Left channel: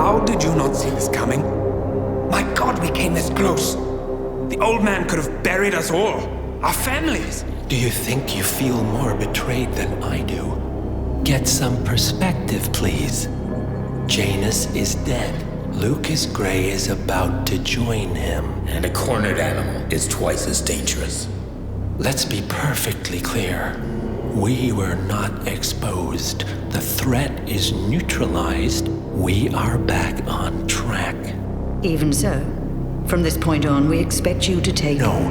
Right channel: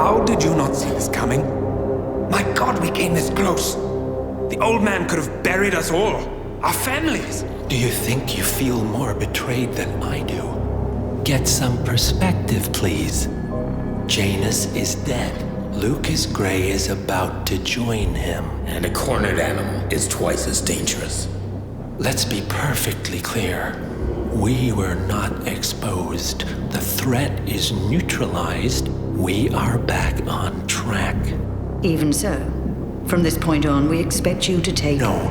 How did you not see this coming? My God, we came this close. The old man could have buried us all. Our families. Do you think you feel more betrayed than I do? Get some perspective, please. Janus is dead. Lucas Gray is about to join him. And a cornered animal is twice as dangerous. Let's be perfectly clear. We were not exposed. The threat is neutralized. We are back on track. Even so, from this point on, we expect you to take... No,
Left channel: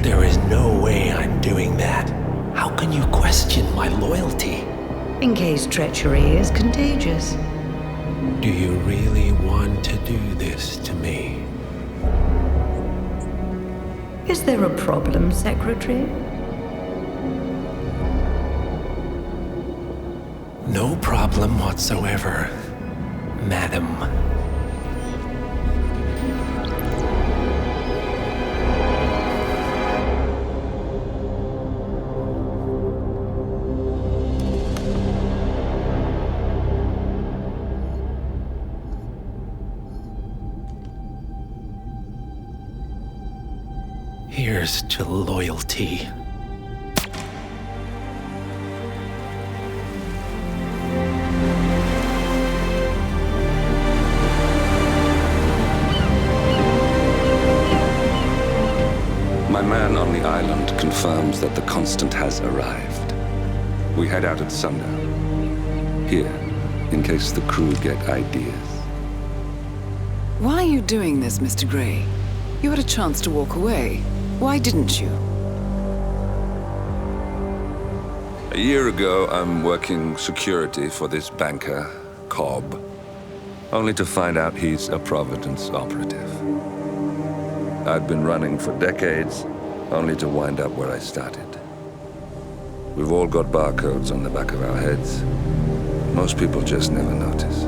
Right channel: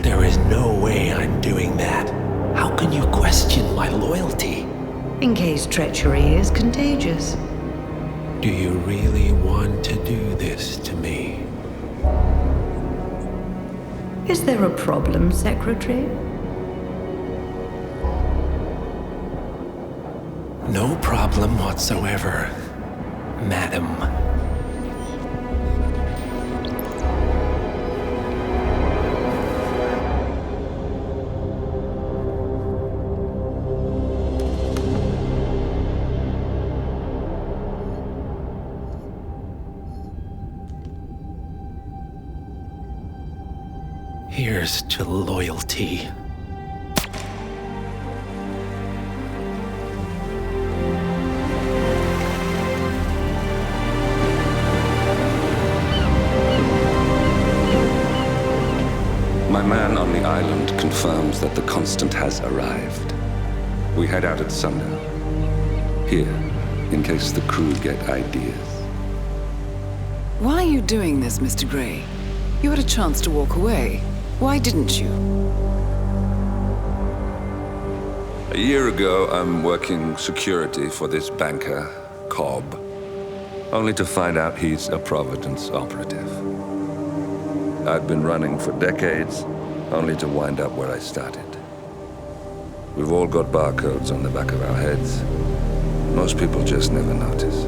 there is no way I'm doing that. How can you question my loyalty? In case treachery is contagious. Do you really want to do this to me? Is there a problem, Secretary? No problem whatsoever, Madam. Here's to loyalty. My man on the island confirms that the Constant has arrived. We head out at sundown. Here, in case the crew get ideas. Why are you doing this, Mr. Gray? You had a chance to walk away. Why didn't you? A year ago, I'm working security for this banker, Cobb, only to find out he's a Providence operative. I'd been running for decades, only to wind up where I started. We've all got barcodes on the back of our heads. Most people just never notice.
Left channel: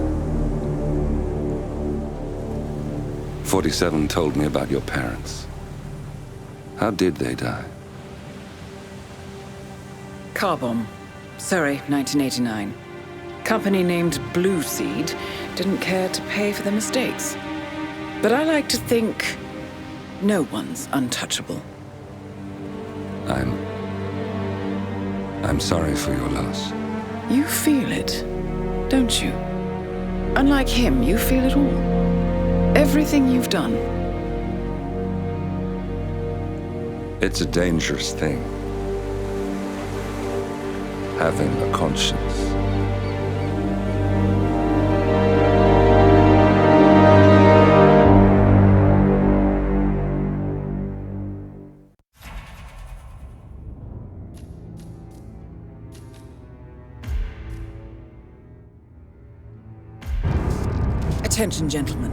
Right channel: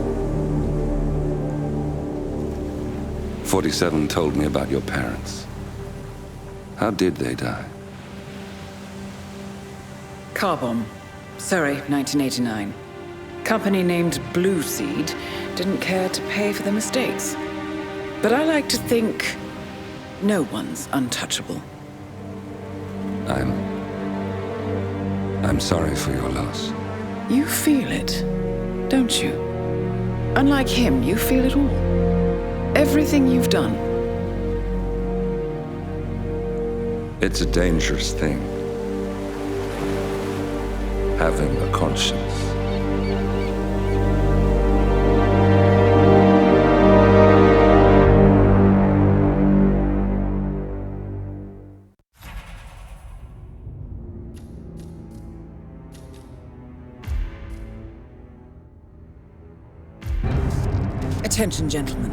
47 told me about your parents. How did they die? Car bomb. Surrey, 1989. Company named Blue Seed didn't care to pay for their mistakes. But I like to think no one's untouchable. I'm sorry for your loss. You feel it, don't you? Unlike him, you feel it all. Everything you've done. It's a dangerous thing. Having a conscience. Attention, gentlemen.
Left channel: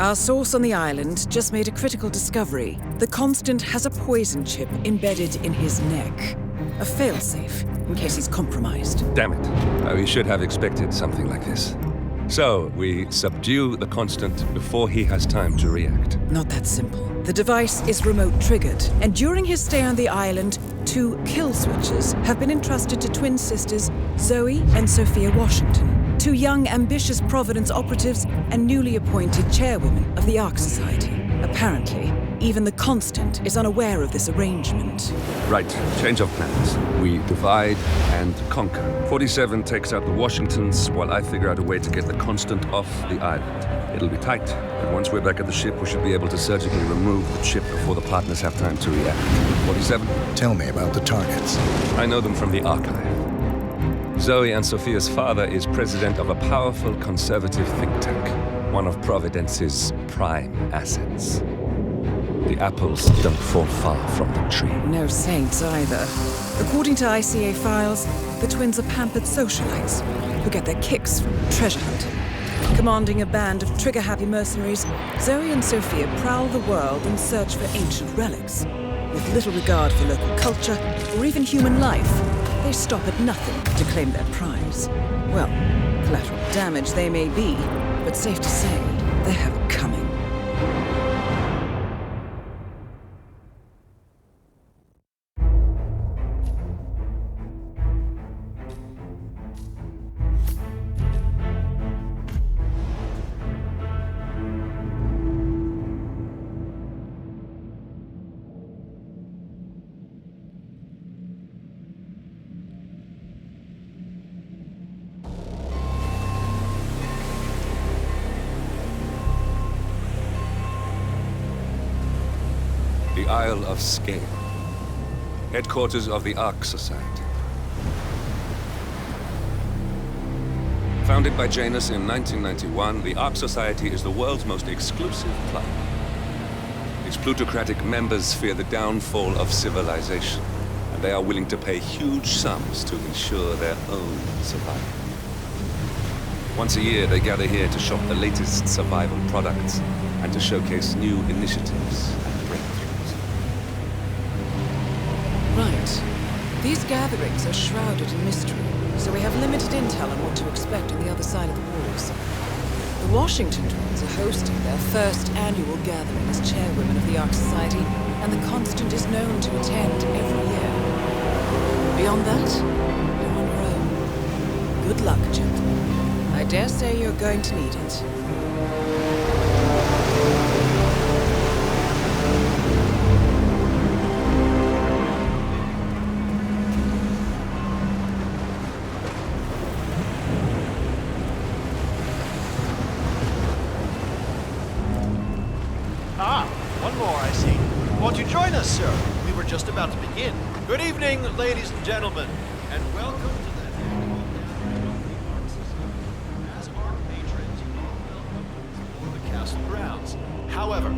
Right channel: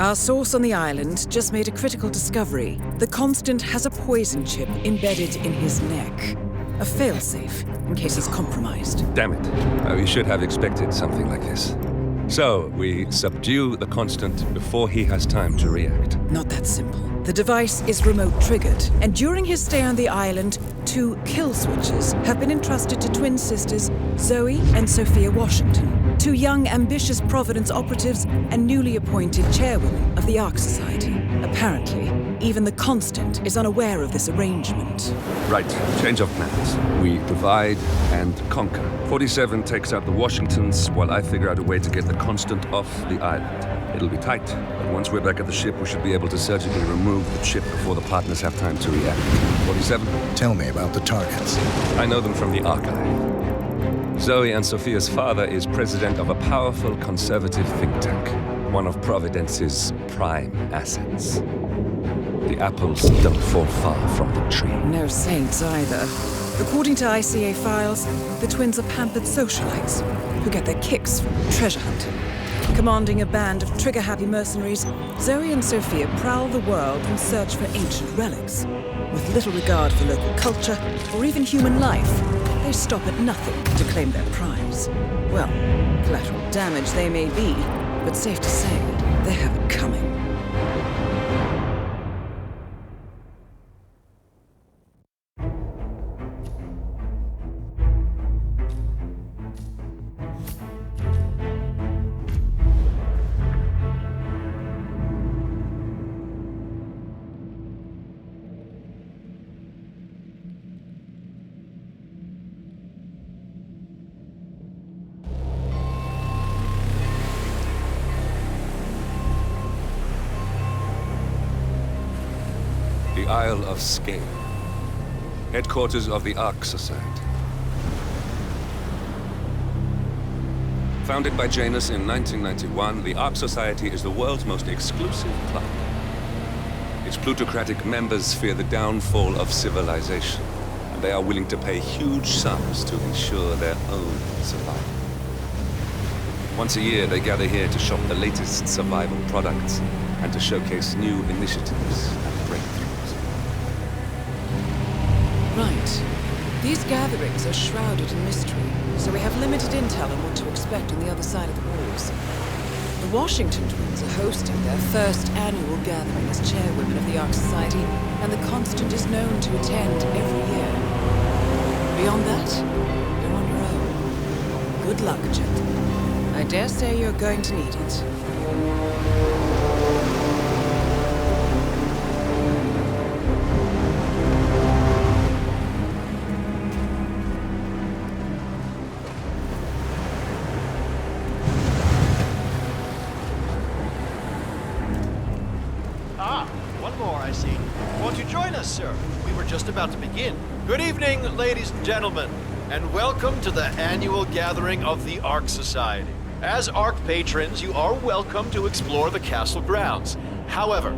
Our source on the island just made a critical discovery. The Constant has a poison chip embedded in his neck. A failsafe, in case he's compromised. Damn it. We should have expected something like this. So, we subdue the Constant before he has time to react. Not that simple. The device is remote triggered, and during his stay on the island, 2 kill switches have been entrusted to twin sisters Zoe and Sophia Washington, 2 young, ambitious Providence operatives and newly appointed chairwomen of the Ark Society. Apparently, even the Constant is unaware of this arrangement. Right, change of plans. We divide and conquer. 47 takes out the Washingtons, while I figure out a way to get the Constant off the island. It'll be tight, but once we're back at the ship, we should be able to surgically remove the chip before the partners have time to react. 47? Tell me about the targets. I know them from the archive. Zoe and Sophia's father is president of a powerful conservative think tank, one of Providence's prime assets. The apples don't fall far from the tree. No saints either. According to ICA files, the twins are pampered socialites who get their kicks from treasure hunting. Commanding a band of trigger-happy mercenaries, Zoe and Sophia prowl the world in search for ancient relics. With little regard for local culture or even human life, they stop at nothing to claim their prize. Well, collateral damage they may be, but safe to say, they have it coming. the Isle of Sgàil, headquarters of the Ark Society. Founded by Janus in 1991, the Ark Society is the world's most exclusive club. Its plutocratic members fear the downfall of civilization, and they are willing to pay huge sums to ensure their own survival. Once a year, they gather here to shop the latest survival products and to showcase new initiatives and breakthroughs. Right. These gatherings are shrouded in mystery, so we have limited intel on what to expect on the other side of the walls. The Washington twins are hosting their first annual gathering as chairwomen of the Ark Society, and the Constant is known to attend every year. Beyond that, you're on your own. Good luck, gentlemen. I dare say you're going to need it. One more, I see. Won't you join us, sir? We were just about to begin. Good evening, ladies and gentlemen, and welcome to the annual gathering of the Ark Society. As Ark patrons, you are welcome to explore the castle grounds. However,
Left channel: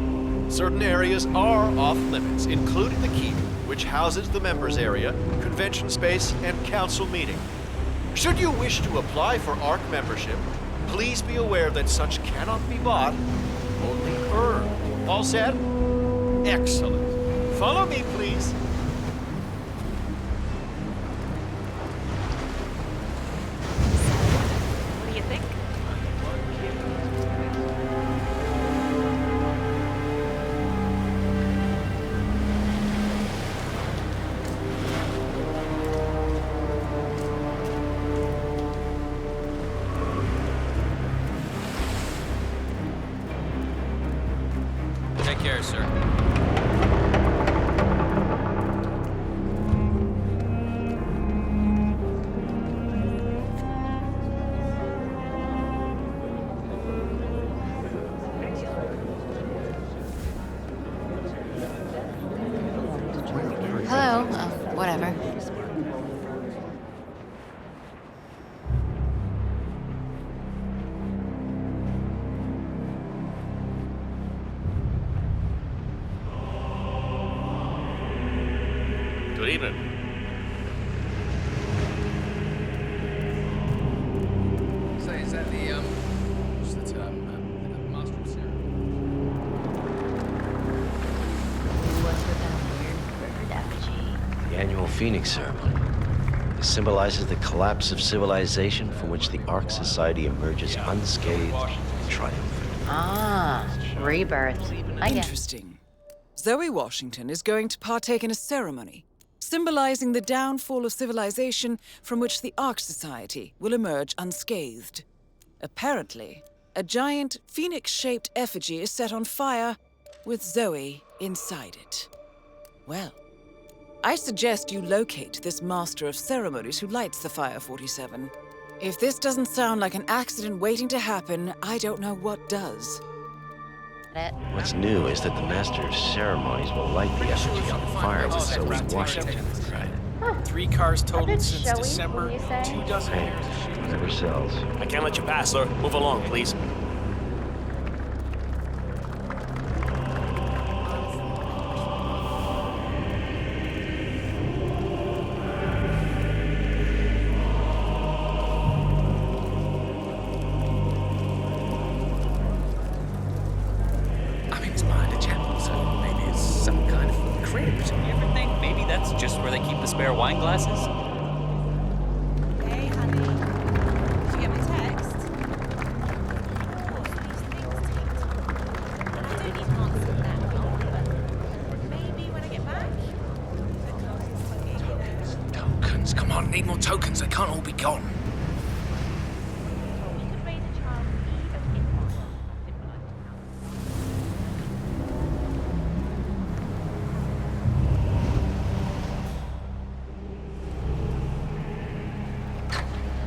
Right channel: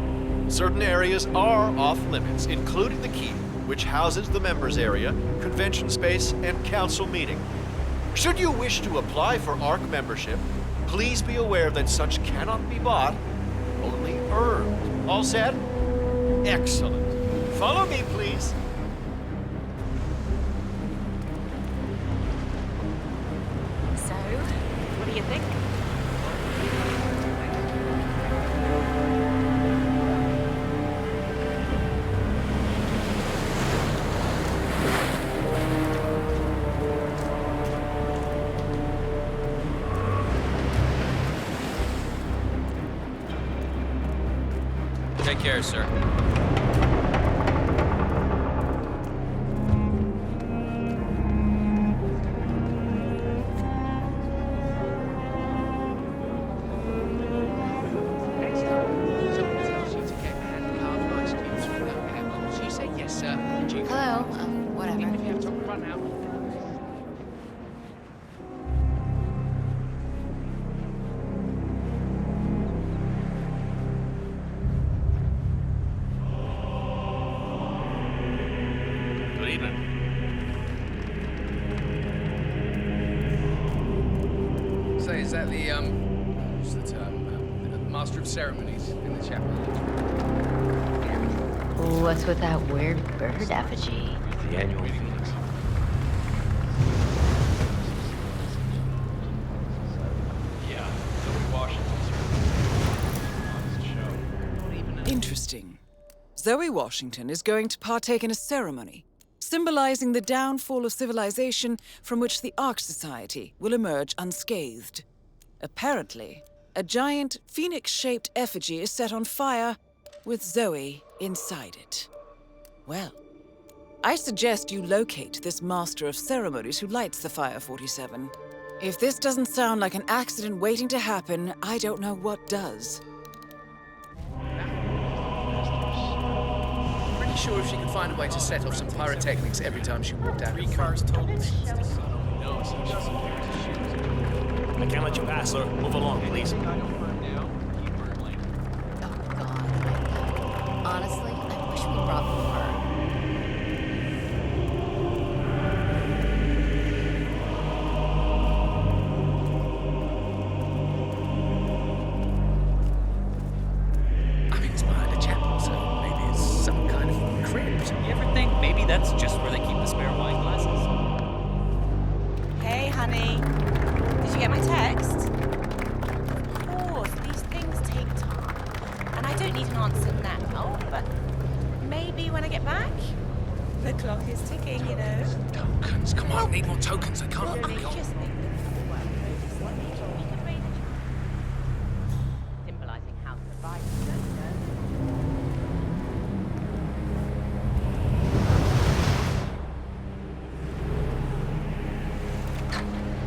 certain areas are off limits, including the keep, which houses the members area, convention space, and council meeting. Should you wish to apply for Ark membership, please be aware that such cannot be bought, only earned. All set? Excellent. Follow me, please. So, what do you think? Take care, sir. Hello, whatever. Good evening. Say, is that the, what's the term? Master of Ceremonies in the chapel? What's with that weird bird effigy? The annual Phoenix ceremony. It symbolizes the collapse of civilization from which the Ark Society emerges unscathed. Ah, rebirth. I get it. Interesting. Zoe Washington is going to partake in a ceremony symbolizing the downfall of civilization from which the Ark Society will emerge unscathed. Apparently, a giant phoenix-shaped effigy is set on fire with Zoe inside it. Well, I suggest you locate this master of ceremonies who lights the fire 47. If this doesn't sound like an accident waiting to happen, I don't know what does. What's new is that the Master of Ceremonies will light the Pretty sure effigy she on could find a way fire to set so off some the Washington pyrotechnics will every have time she it. walked down. 3 cars totaled bit since showy, December. wouldn't you say? 2 dozen pairs of shoes. Yourselves. I can't let you pass, sir. Move along, please. Honestly, I wish we brought more. I mean, it's behind a chapel, so maybe it's some kind of crypt. You ever think maybe that's just where they keep the spare wine glasses? Hey, honey. Did you get my text? Of course, these things take time. And I don't need an answer now, but maybe when I get back? The clock is ticking, you know. Tokens. Come on, need more tokens. They can't all be gone. We could raise a child, symbolizing how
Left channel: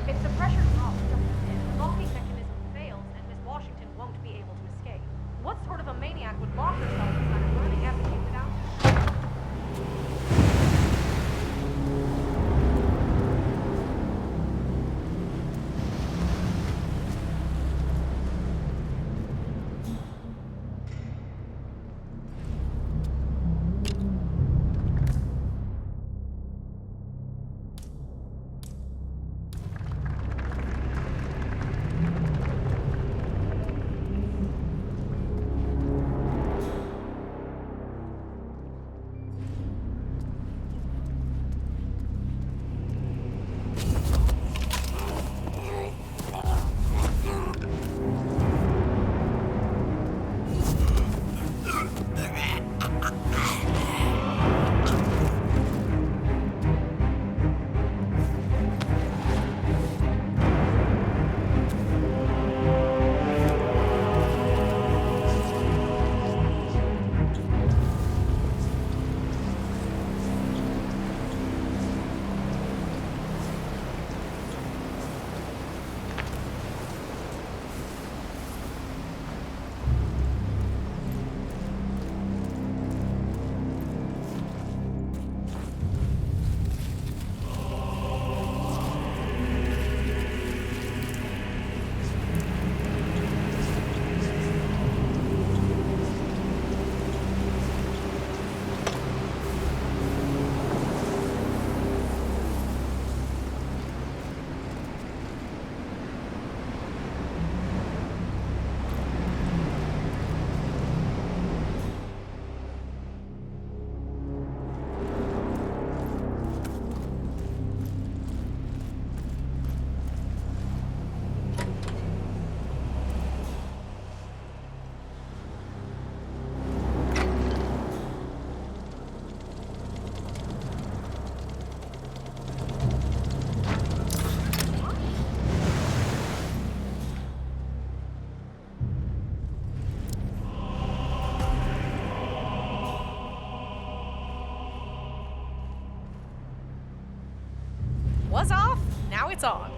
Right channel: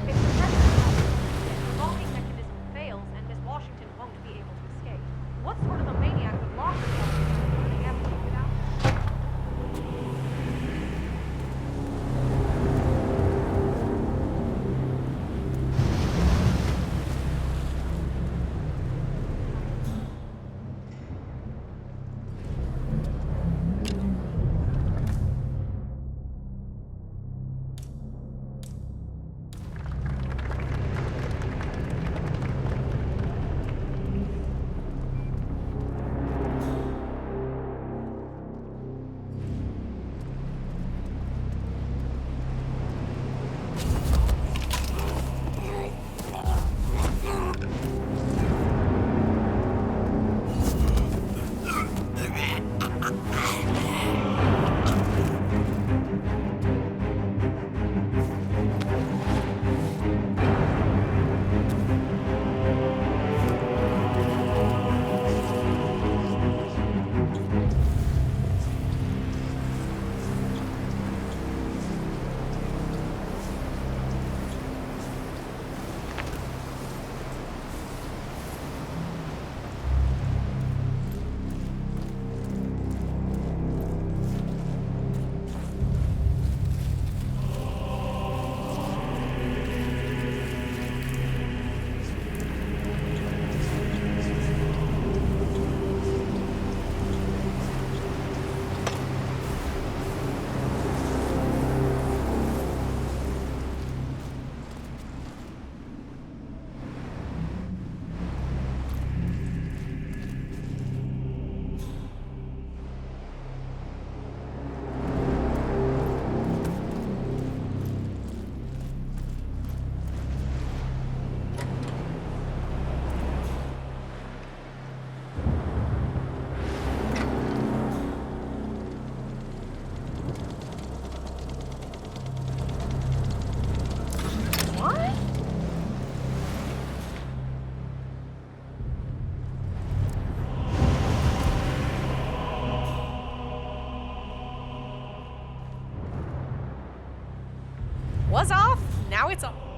If the pressure drops, the locking mechanism fails and Miss Washington won't be able to escape. What sort of a maniac would lock herself inside a burning effigy without... now it's on.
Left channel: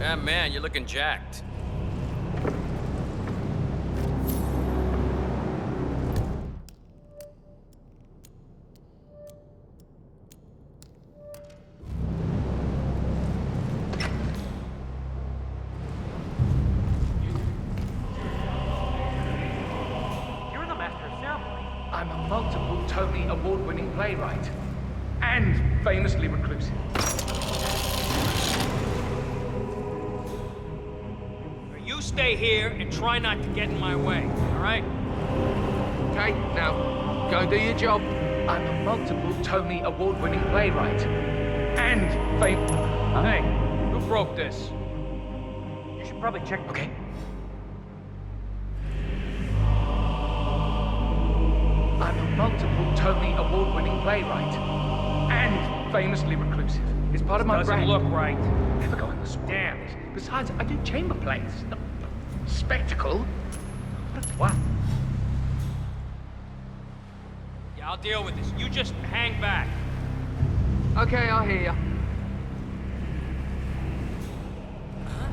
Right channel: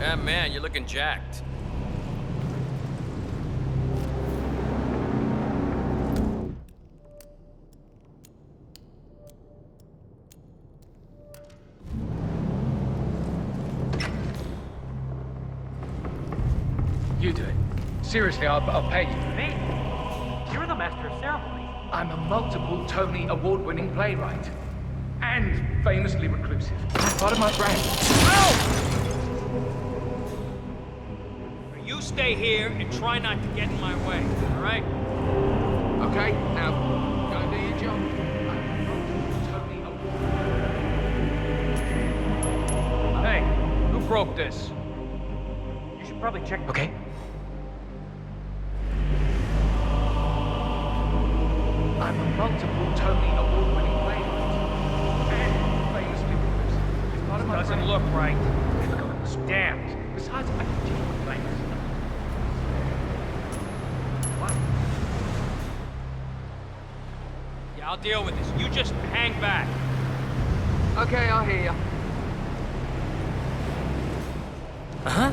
Yeah, man, you're looking jacked. You do it. Seriously, I'll pay you. Me? You're the master of ceremonies. I'm a multiple Tony award-winning playwright. And famously reclusive. Part of my brand. Oh! You stay here and try not to get in my way, all right? Okay, now, go do your job. I'm a multiple Tony award-winning playwright. And famous... Huh? Hey, who broke this? You should probably check... Okay. I'm a multiple Tony award-winning playwright. And famously reclusive. It's part of my Doesn't brand. look right. Never go on the spot. Damned. Besides, I do chamber plays. Spectacle. What? Yeah, I'll deal with this. You just hang back. Okay, I hear ya. Uh-huh.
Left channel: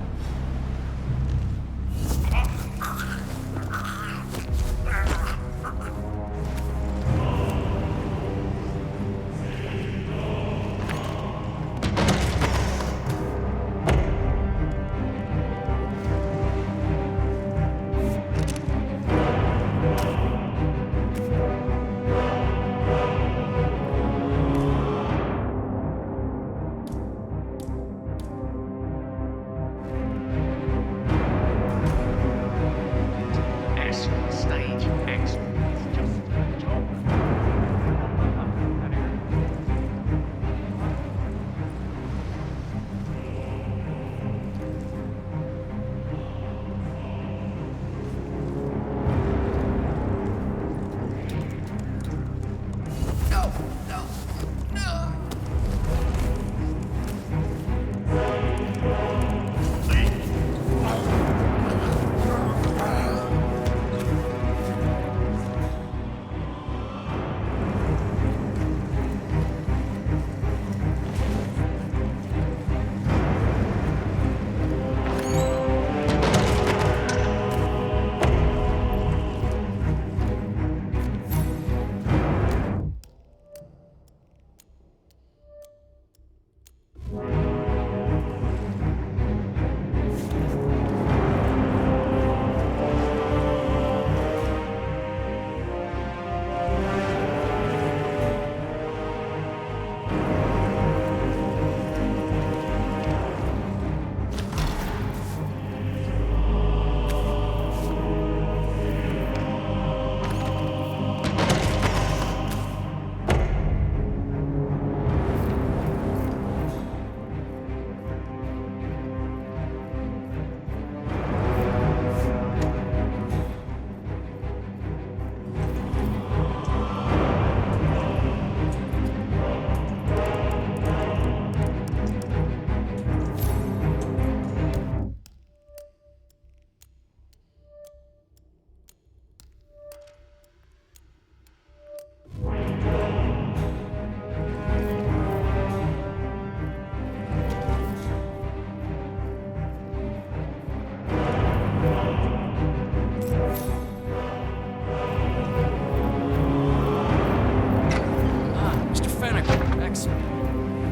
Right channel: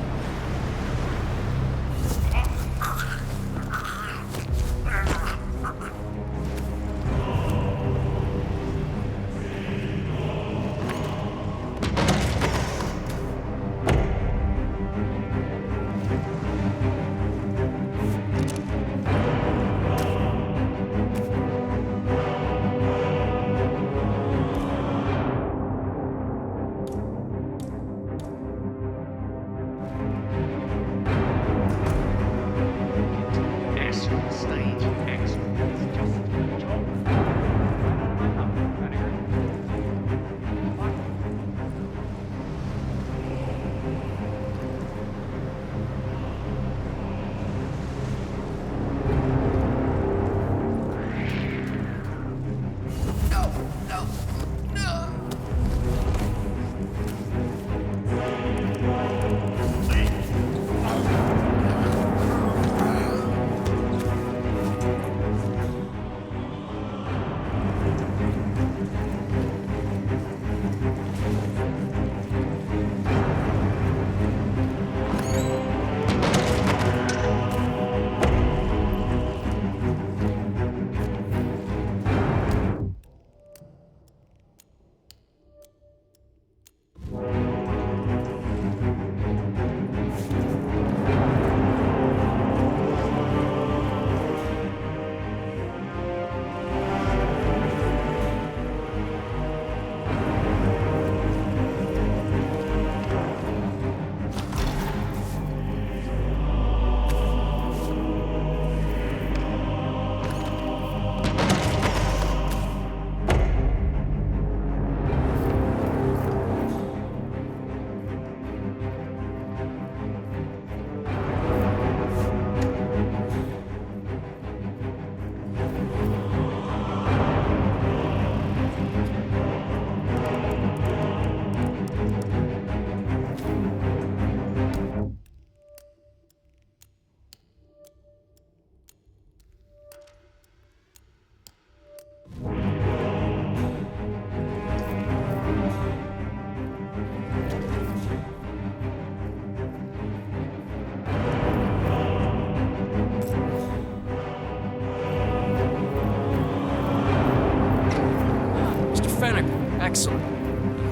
Fennec. Excellent.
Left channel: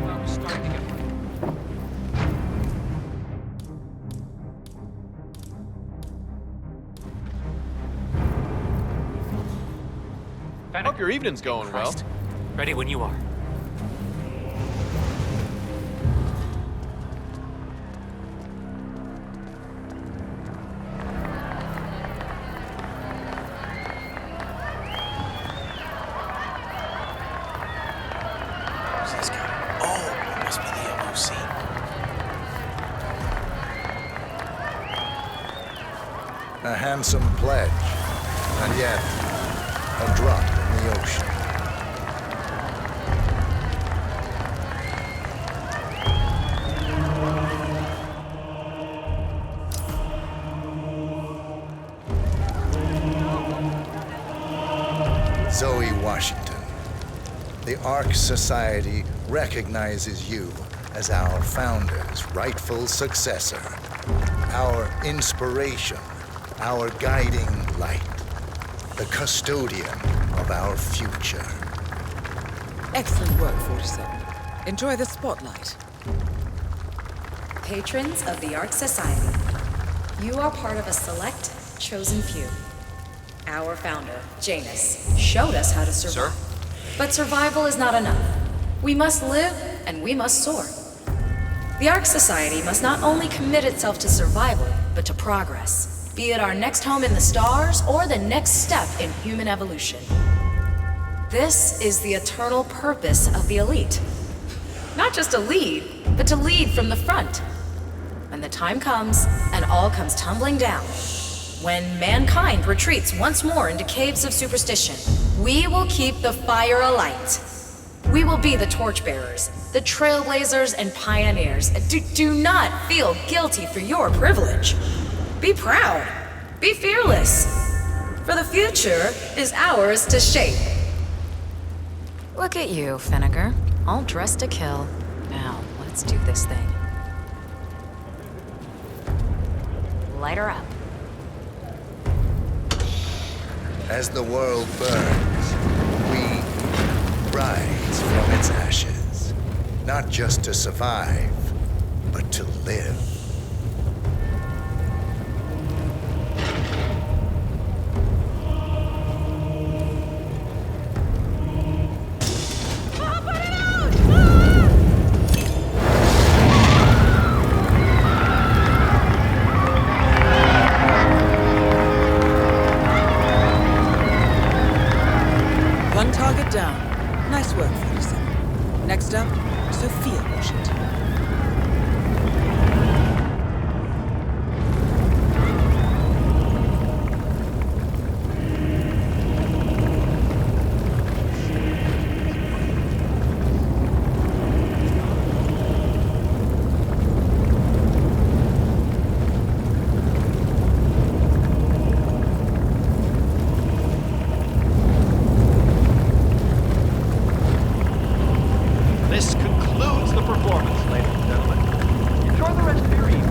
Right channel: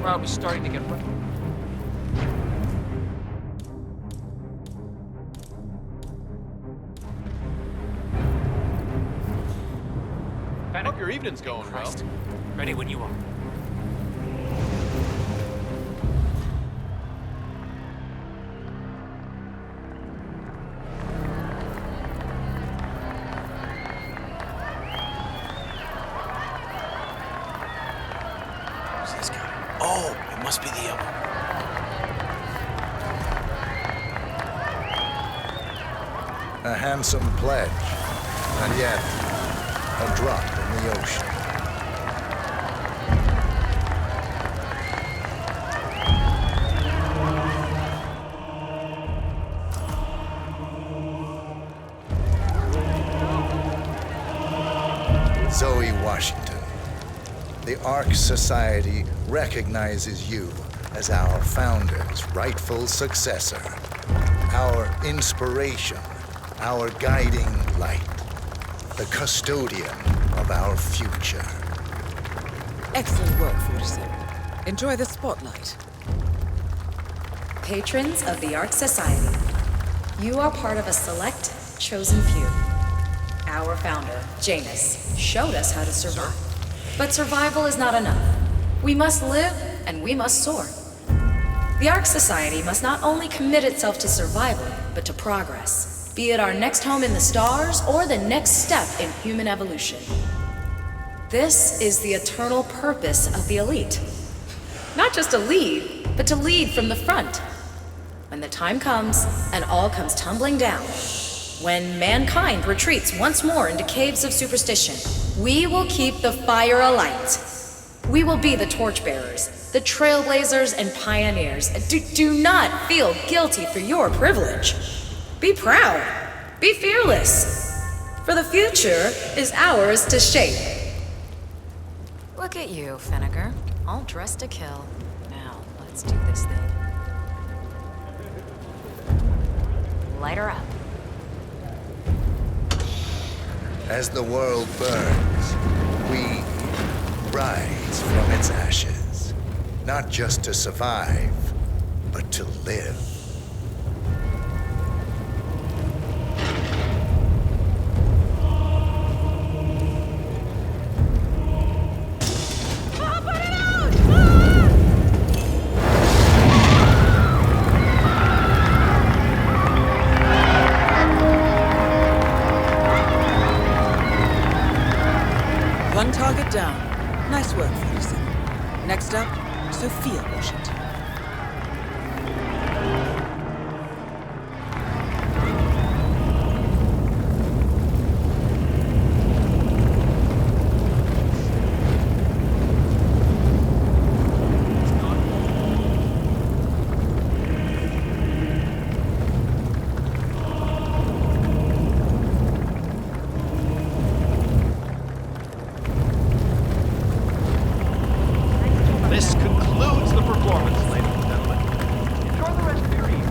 Crowd was starting to get... Hope your evening's going well. Ready when you are. Who's this guy? Oh, it must be the LOC. A handsome pledge, and yet a drop in the ocean. Zoe Washington, the Ark Society recognizes you as our founder's rightful successor, our inspiration, our guiding light, the custodian of our future. Excellent work, 47. Enjoy the spotlight. Patrons of the Ark Society, you are part of a select, chosen few. Our founder, Janus, showed us how to survive. Sir? But survival is not enough. We must live, and we must soar. The Ark Society must not only commit itself to survival, but to progress, be it our next home in the stars or the next step in human evolution. This is the eternal purpose of the elite. Not just to lead, but to lead from the front. When the time comes, and all comes tumbling down, when mankind retreats once more into caves of superstition, we will keep the fire alight. We will be the torchbearers, the trailblazers and pioneers. Do not feel guilty for your privilege. Be proud. Be fearless. For the future is ours to shape. Look at you, Finnegar. All dressed to kill. Now, let's do this thing. Light her up. As the world burns, we rise from its ashes, not just to survive, but to live. One target down. Nice work, 47. Next up, Zoe Washington. This concludes the performance, ladies and gentlemen. Enjoy the rest of your evening.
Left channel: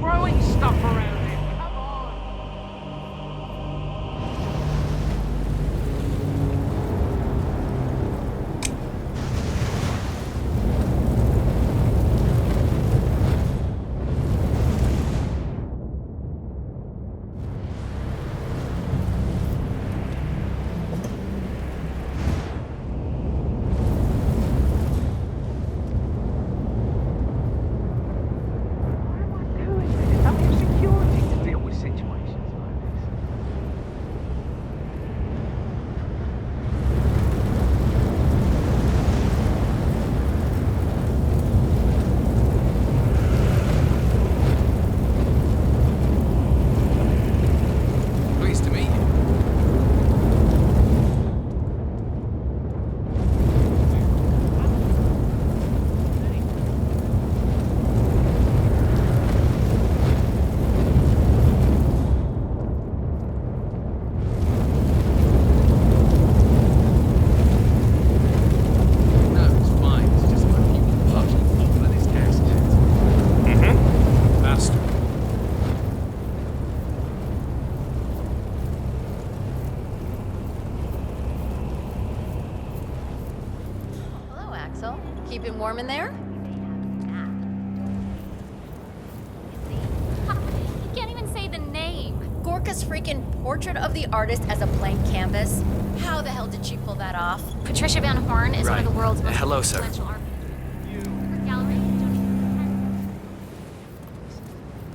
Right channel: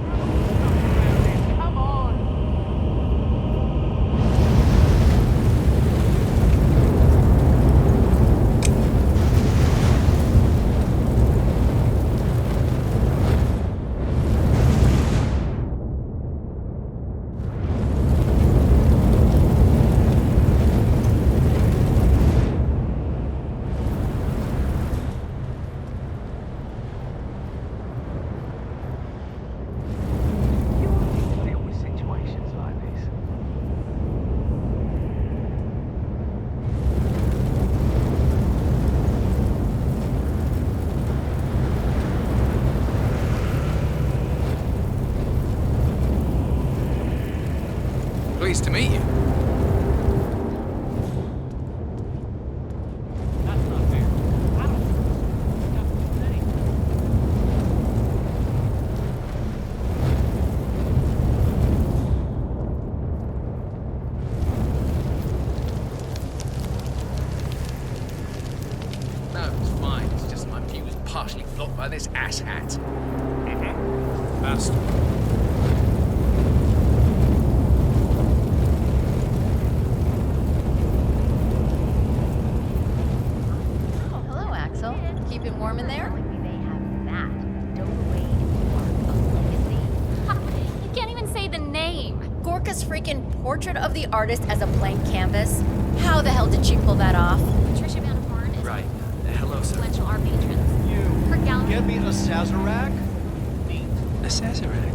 Throwing stuff around him. Come on. Security to deal with situations like this. Pleased to meet you. Keeping warm in there? You can't even say the name. Gorka's freaking portrait of the artist as a blank canvas. How the hell did she pull that off? Patricia Van Horn is one of the world's most Hello, sir. influential art patrons. Her gallery. Get me a Sazerac? A Sazerac?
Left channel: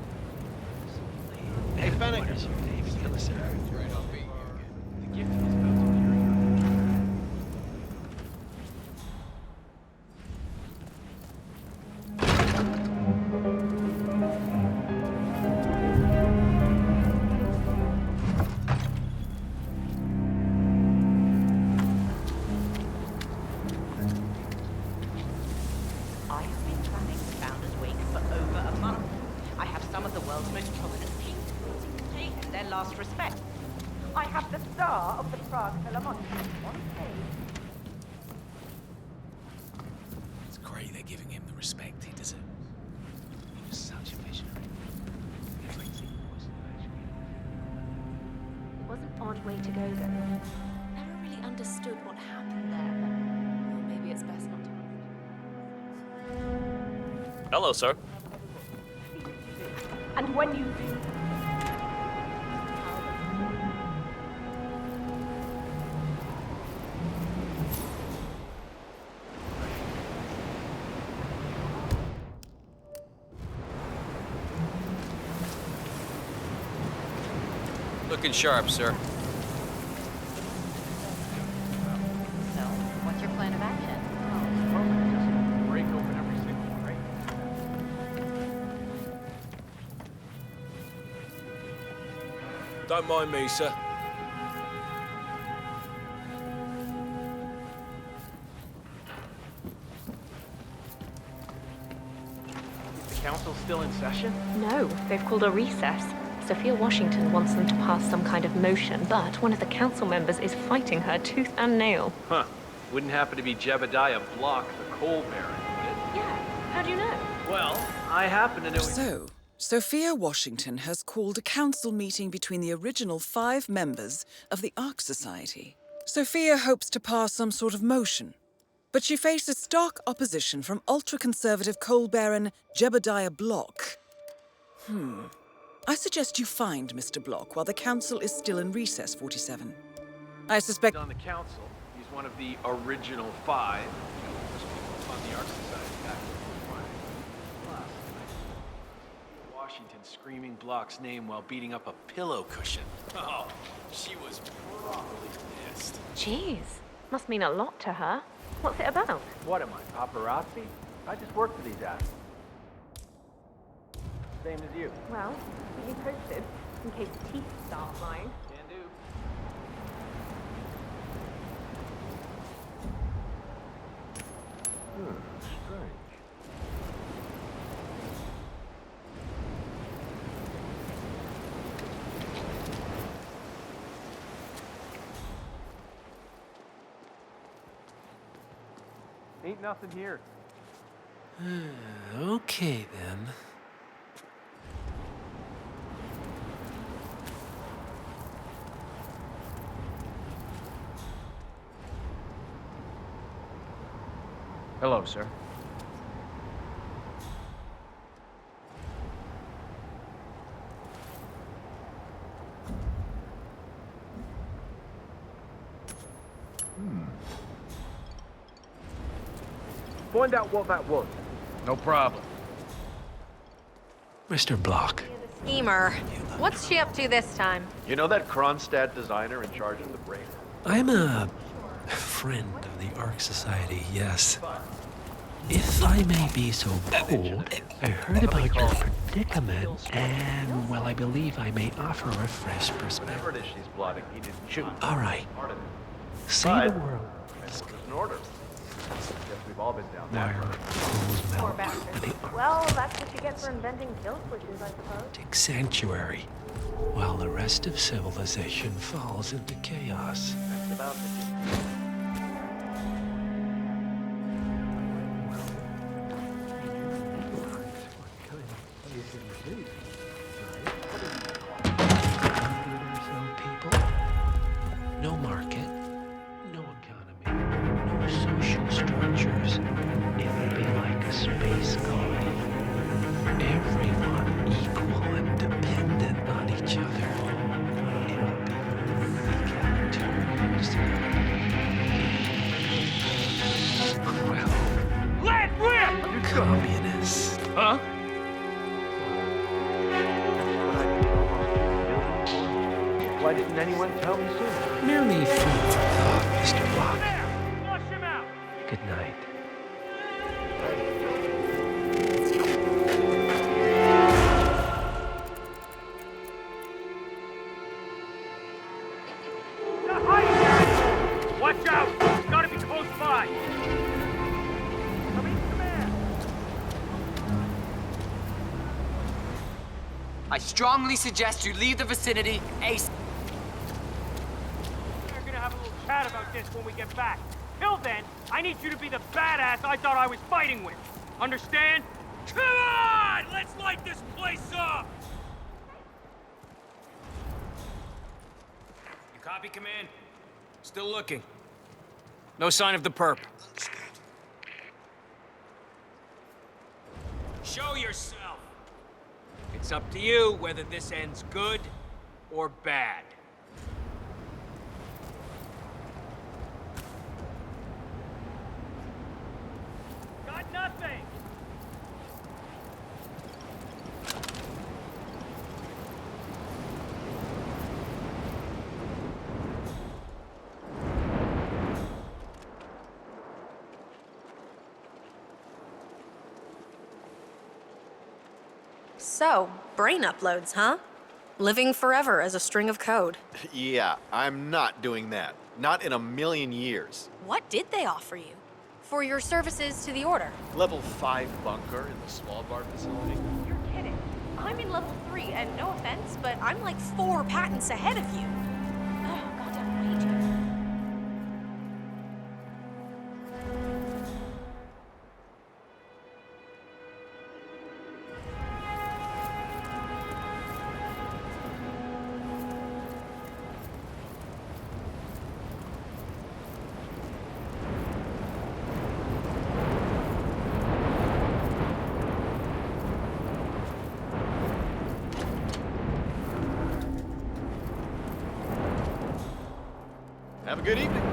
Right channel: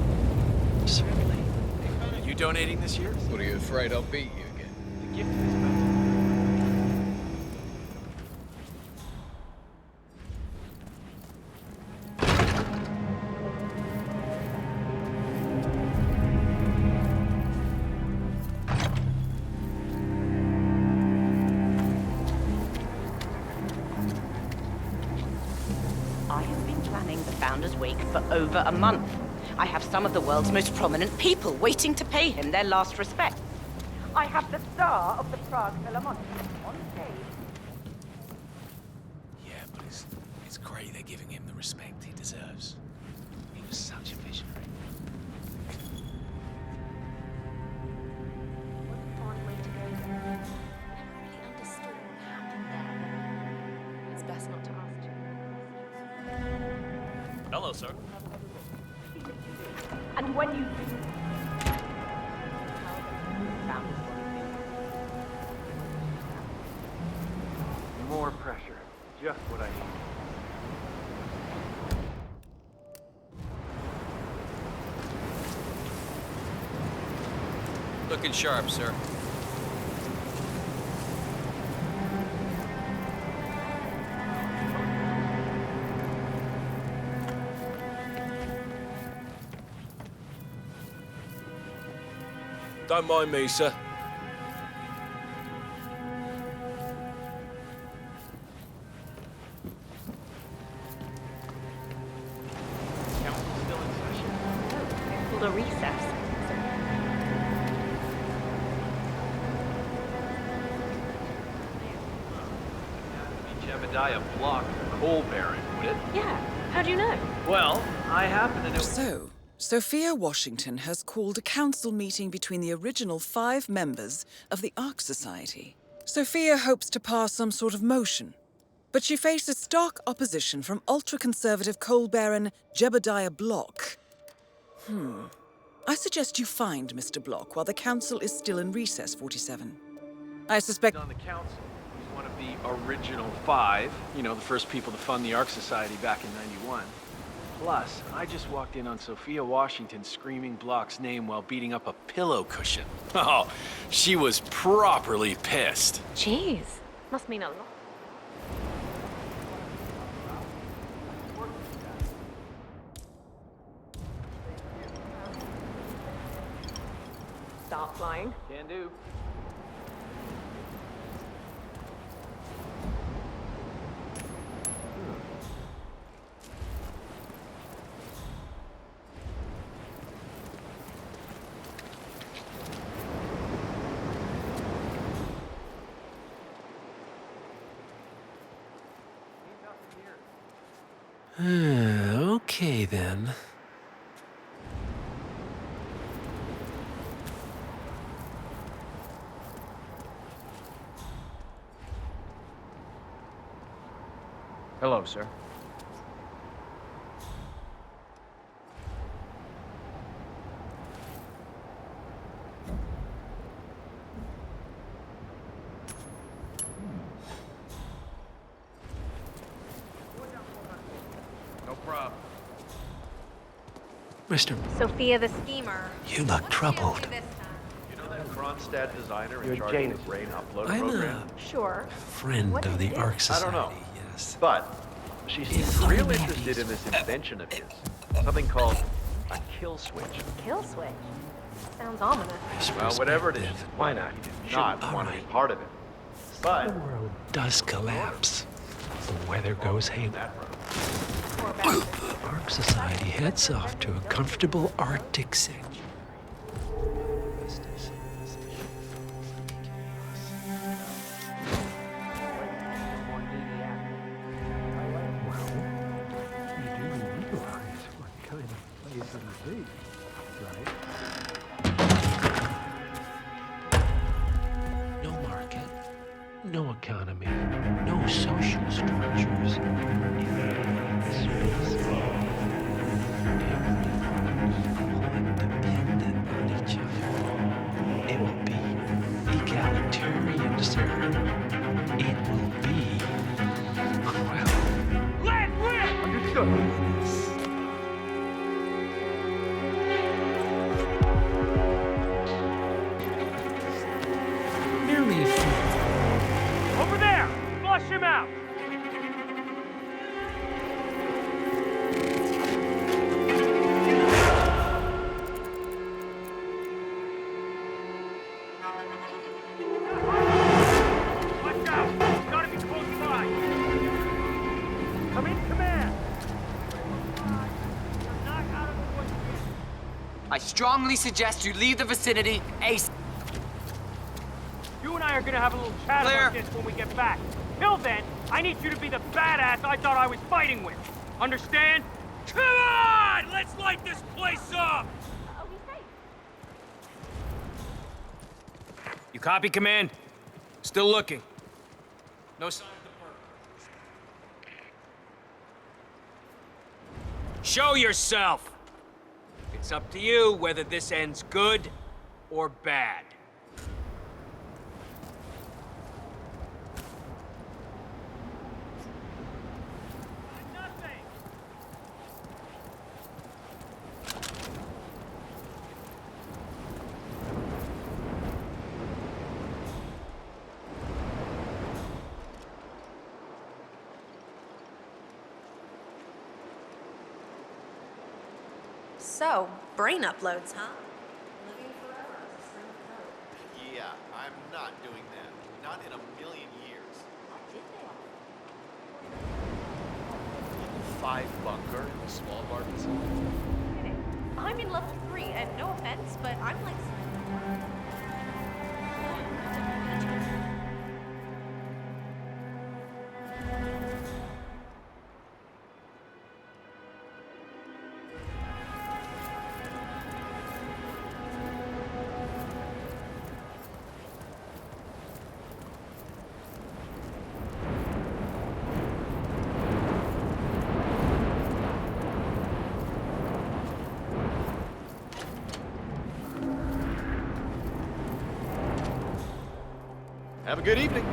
Certainly. Hey, Fennec, You donating this year? What are you afraid I'll beat you again? The gift is about to be I have been planning the Founders Week for over a month. I have some of the world's most prominent people waiting to pay him their last respect. I have the star of the Prague Philharmonic on stage. Yeah, it's great they're giving him the respect he deserves. He was such a visionary. Wasn't on way to go there. Never really understood what happened there, but maybe it's best not to ask. Hello, sir. And when you do... More pressure. Just what I need. Looking sharp, sir. What's your plan of action? Don't mind me, sir. Council's still in session? No, they've called a recess. Sophia Washington wants them to pass some kind of motion, but one of the council members is fighting her tooth and nail. Huh. Wouldn't happen to be Jebediah Block, the coal baron, would it? Yeah, how do you know? Well, I happen to know... So, Sophia Washington has called a council meeting between the original 5 members of the Ark Society. Sophia hopes to pass some sort of motion, but she faces stark opposition from ultra-conservative coal baron Jebediah Block. I suggest you find Mr. Block while the council is still in recess, 47. I suspect... On the council, he's one of the original 5, you know, the first people to fund the Ark Society back in '91. Plus, I just walked in on Sophia Washington screaming Block's name while beating up a pillow cushion. Oh, she was properly pissed. Jeez, must mean a lot to her. What's it about? What am I, paparazzi? I just work for these assholes. Same as you. Well, we can post it in case teeth start flying. Can do. Ain't nothing here. Okay, then. Hello, sir. Find out what that was. No problem. Mr. Block, Sophia the schemer. you look What's she up troubled. to this time? You know that Kronstadt designer in charge of the brain upload? I'm a Sure. friend of the Ark Society, yes. But she's If I may really be interested so in this bold, invention of his. I heard Something about called your predicament, and, well, I believe I may offer a fresh perspective. whatever it is, why not? He did not All right. part of it. Say the world does collapse. The weather goes haywire. Poor bastard. The Ark Society heads off to a comfortable Arctic sanctuary, while the rest of civilization falls into chaos. Well, you do realize what kind of place it is, right? No people, no market, No economy, no social structures. It will be like a space colony. Everyone equal and dependent on each other. It will be egalitarian, sir. It will be cruel. Let rip! Communists. Huh? Why didn't anyone tell me sooner? Merely food for thought, Mr. Over there! Flush him out! Good night. Watch out! It's gotta be close by! Come in, command! I strongly suggest you leave the vicinity ASAP. You and I are gonna have a little chat about this when we get back. Till then, I need you to be the badass I thought I was fighting with. Understand? Come on! Let's light this place up! You copy, Command? Still looking. No sign of the perp. Show yourself! It's up to you whether this ends good or bad. Got nothing! So, brain uploads, huh? Living forever as a string of code. Yeah, I'm not doing that. Not in a million years. What did they offer you? For your services to the Order? Level 5 bunker in the small bar facility. You're kidding. I'm in level 3, and no offense, but I'm like 4 patents ahead of you. Oh, goddamn wages. Have a good evening.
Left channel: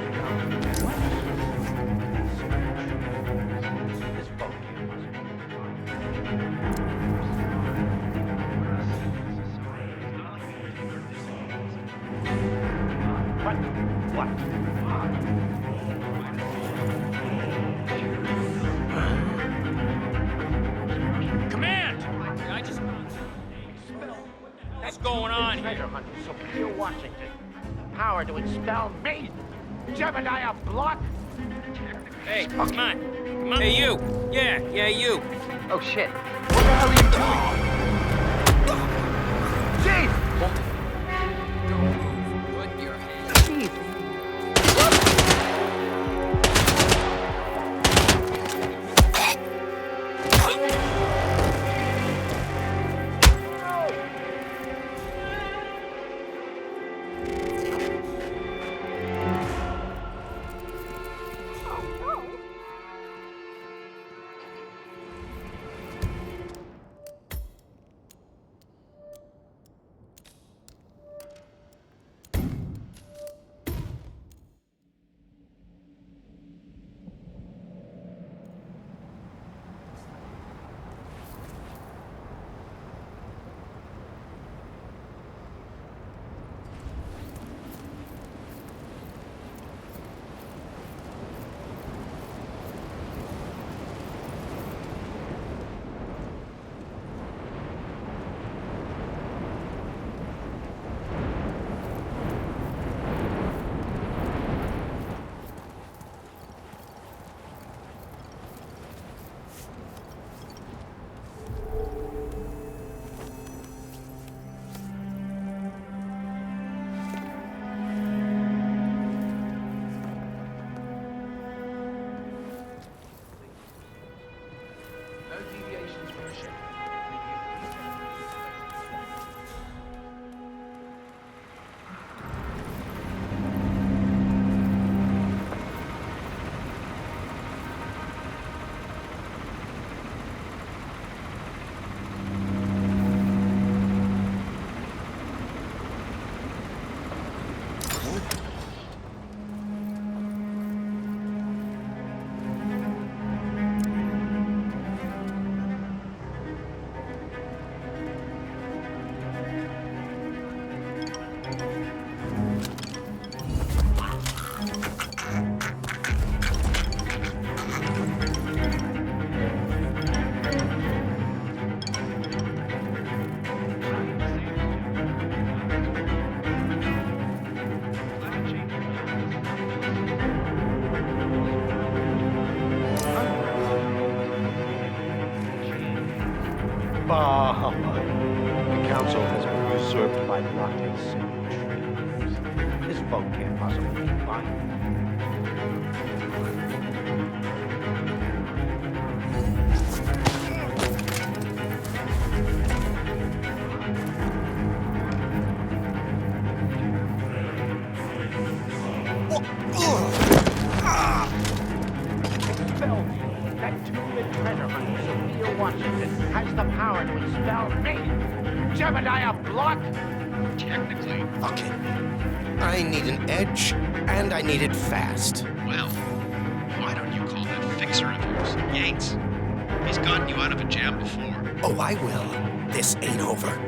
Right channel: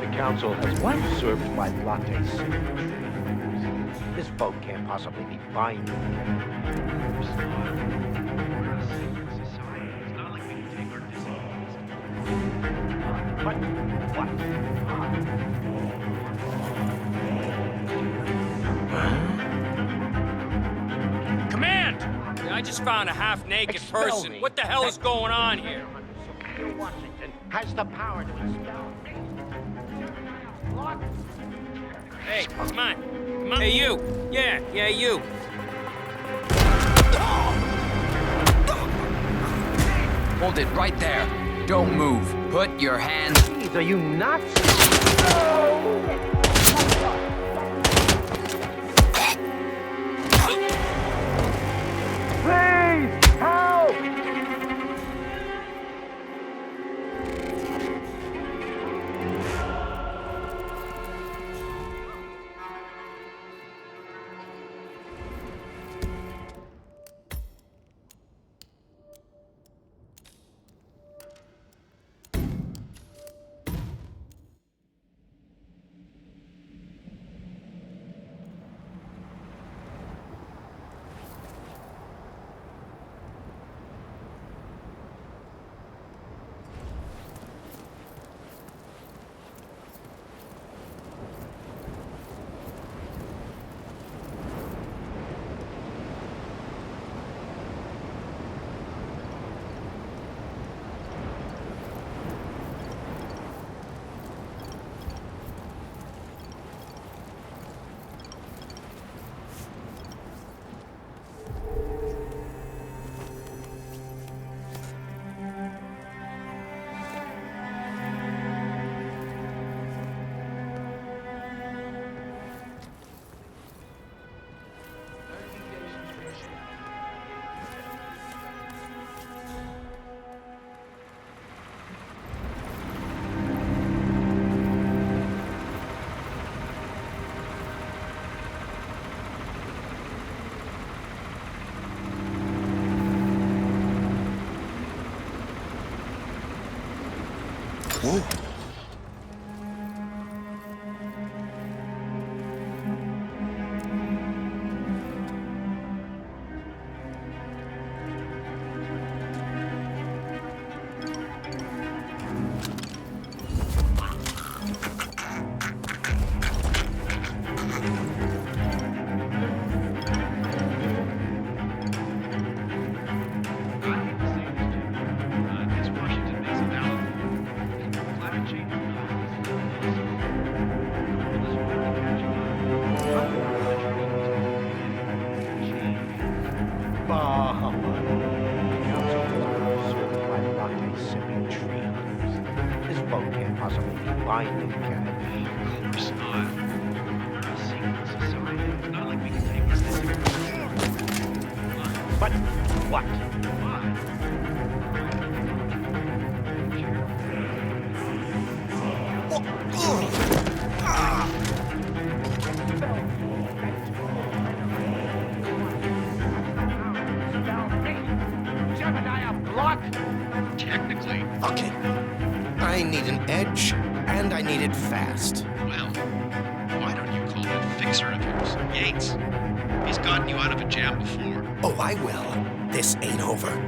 The council has been served by plotting signatures. This vote can't possibly be binding. We're a secret society. It's not like we can take our disagreements to But what? Command! I just found a half-naked person. What the hell is going on here? Treasure hunter Zoe Washington has the power to expel me, Jebediah Block. Hey, come on. Come on. Hey, you. Yeah, you. Oh, shit. Chief! Hold it right there. Don't move. Put your hands... Jeez, are you nuts? ship. Whoa. Bah, humbug. The council has been usurped by latte-sipping tree huggers. This vote can't possibly be binding, can it? But what? Expel me. That two-bit treasure hunter, Zoe Washington, has the power to expel me. Jebediah Block? Technically. Okay. I need an edge, and I need it fast. Well, why don't you call that fixer of yours, Yates? He's gotten you out of a jam before. Oh, I will. This ain't over.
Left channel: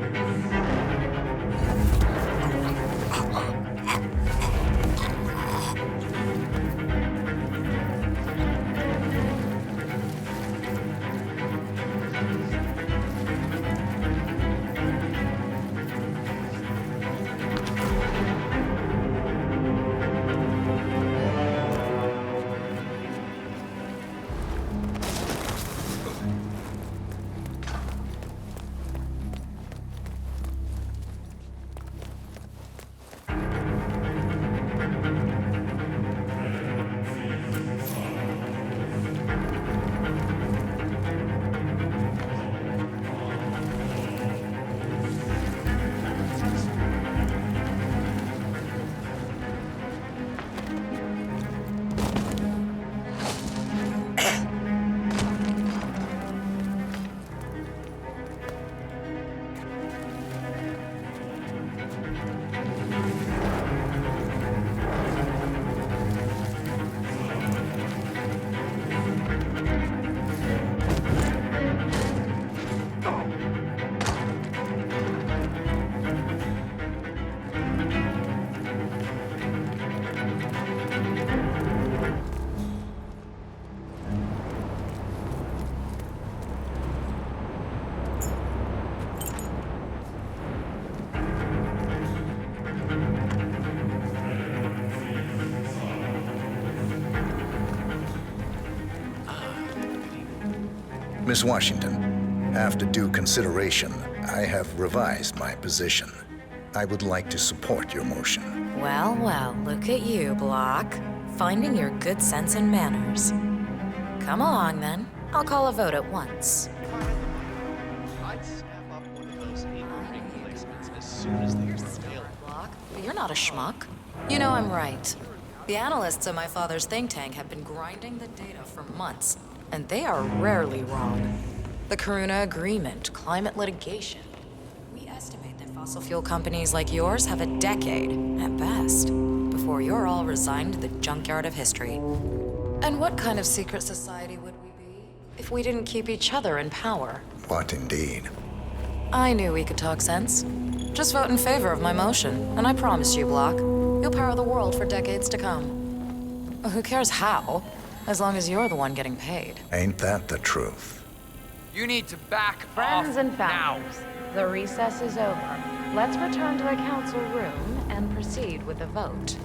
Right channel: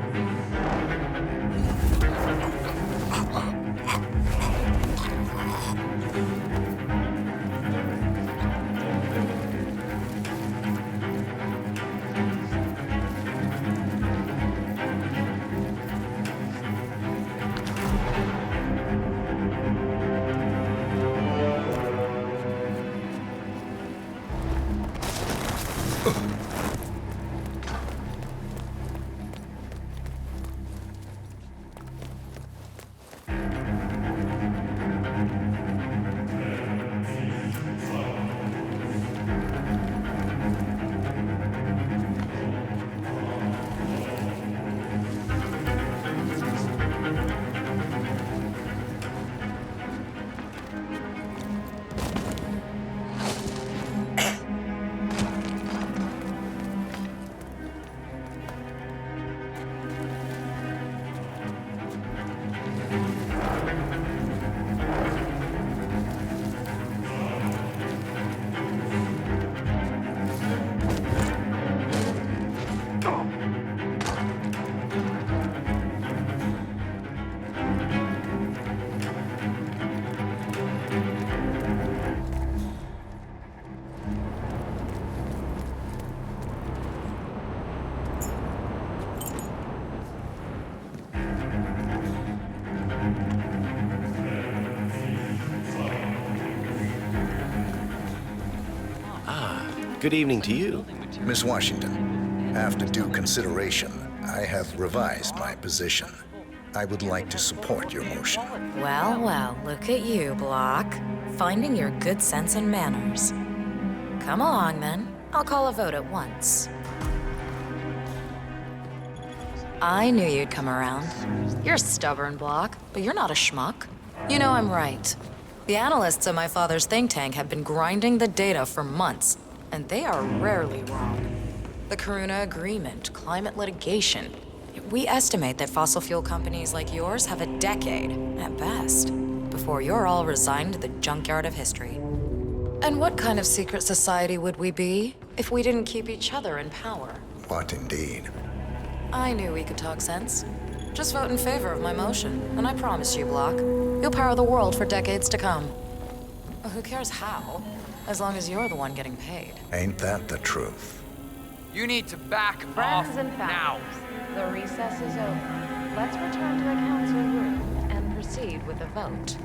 Good evening to you. Miss Washington, after due consideration, I have revised my position. I would like to support your motion. Well, well, look at you, Block. Finding your good sense and manners. Come along, then. I'll call a vote at once. I knew you'd come around. You're stubborn, Block, but you're not a schmuck. You know I'm right. The analysts at my father's think tank have been grinding the data for months, and they are rarely wrong. The Karuna Agreement, climate litigation. We estimate that fossil fuel companies like yours have a decade, at best, before you're all resigned to the junkyard of history. And what kind of secret society would we be if we didn't keep each other in power? What indeed? I knew we could talk sense. Just vote in favor of my motion, and I promise you, Block, you'll power the world for decades to come. Who cares how? As long as you're the one getting paid. Ain't that the truth? You need to back Friends off and now. families, the recess is over. Let's return to the council room and proceed with the vote.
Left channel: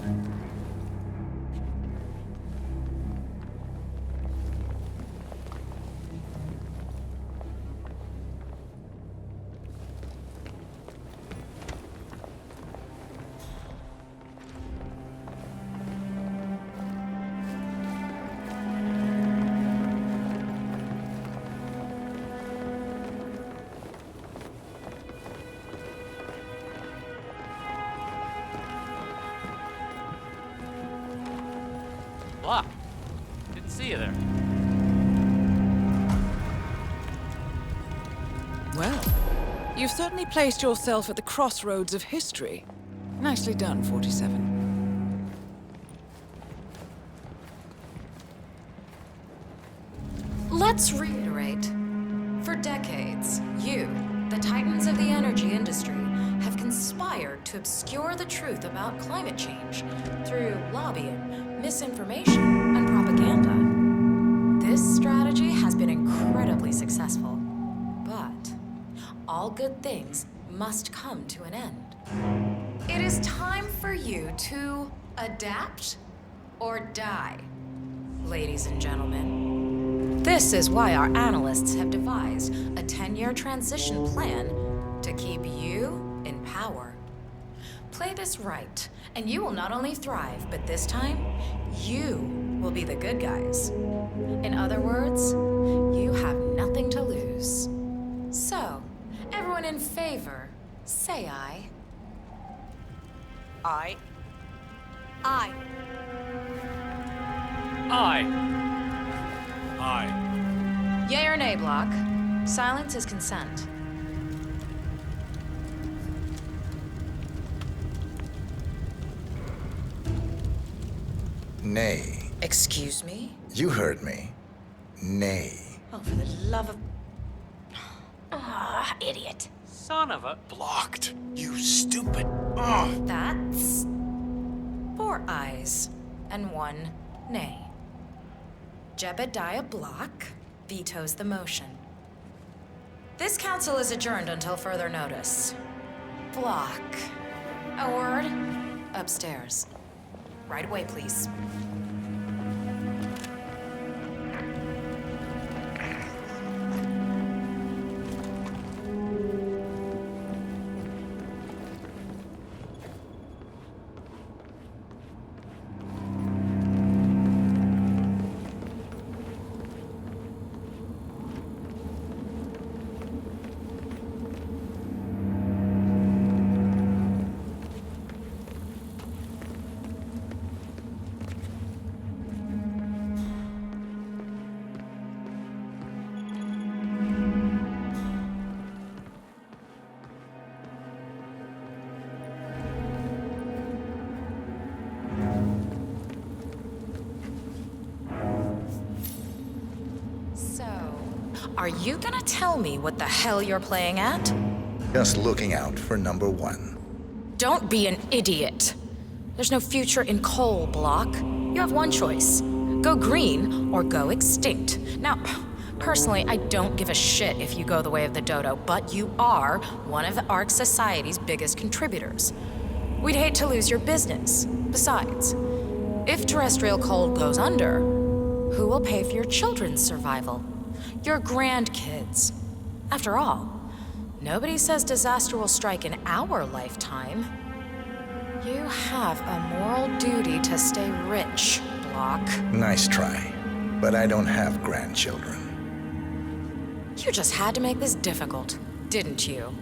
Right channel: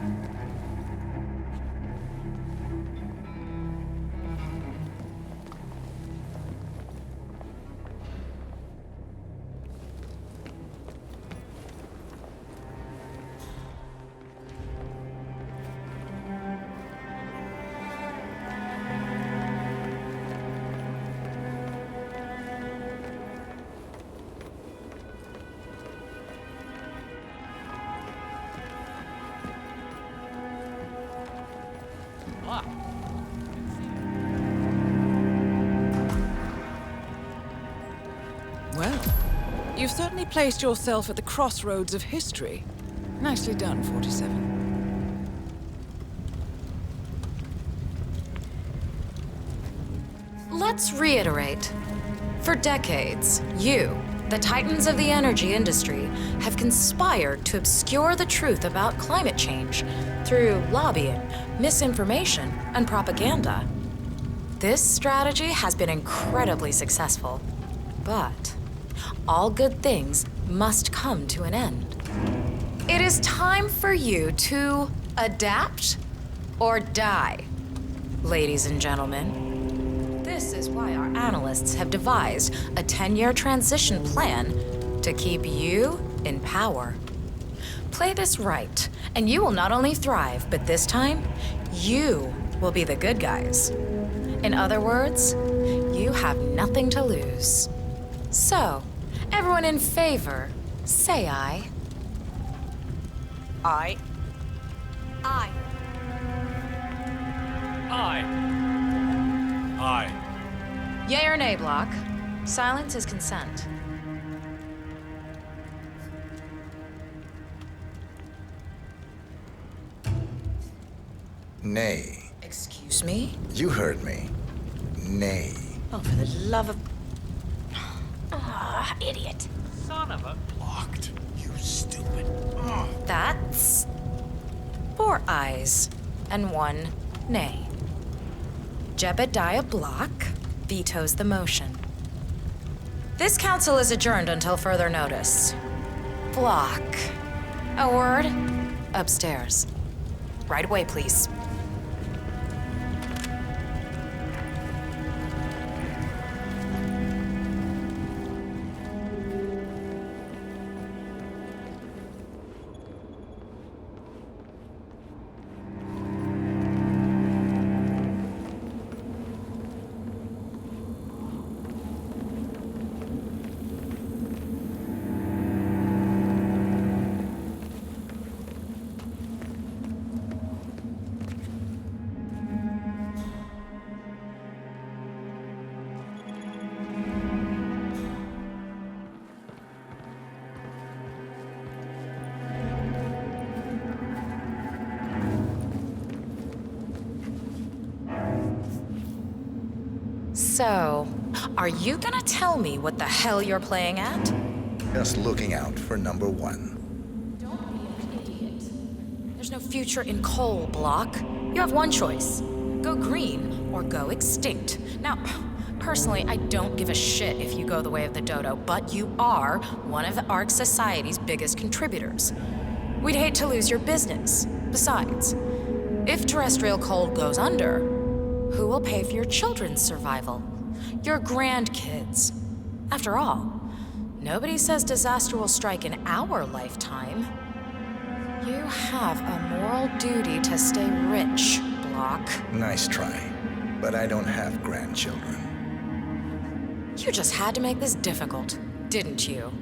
Well, you've certainly placed yourself at the crossroads of history. Nicely done, 47. Let's reiterate. For decades, you, the titans of the energy industry, have conspired to obscure the truth about climate change through lobbying, misinformation, and propaganda. This strategy has been incredibly successful, but all good things must come to an end. It is time for you to adapt or die, ladies and gentlemen. This is why our analysts have devised a 10-year transition plan to keep you in power. Play this right, and you will not only thrive, but this time, you will be the good guys. In other words, you have nothing to lose. So, everyone in favor, say aye. Aye. Aye. Aye. Aye. Yay or nay, Block? Silence is consent. Nay. Excuse me? You heard me. Nay. Oh, for the love of... Ah, idiot. Son of a... Blocked. You stupid. That's 4 ayes and 1 nay. Jebediah Block vetoes the motion. This council is adjourned until further notice. Block. A word? Upstairs. Right away, please. So, are you gonna tell me what the hell you're playing at? Just looking out for number 1. Don't be an idiot. There's no future in coal, Block. You have one choice. Go green or go extinct. Now, personally, I don't give a shit if you go the way of the dodo, but you are one of the Ark Society's biggest contributors. We'd hate to lose your business. Besides, if terrestrial coal goes under, who will pay for your children's survival? Your grandkids. After all, nobody says disaster will strike in our lifetime. You have a moral duty to stay rich, Block. Nice try, but I don't have grandchildren. You just had to make this difficult, didn't you?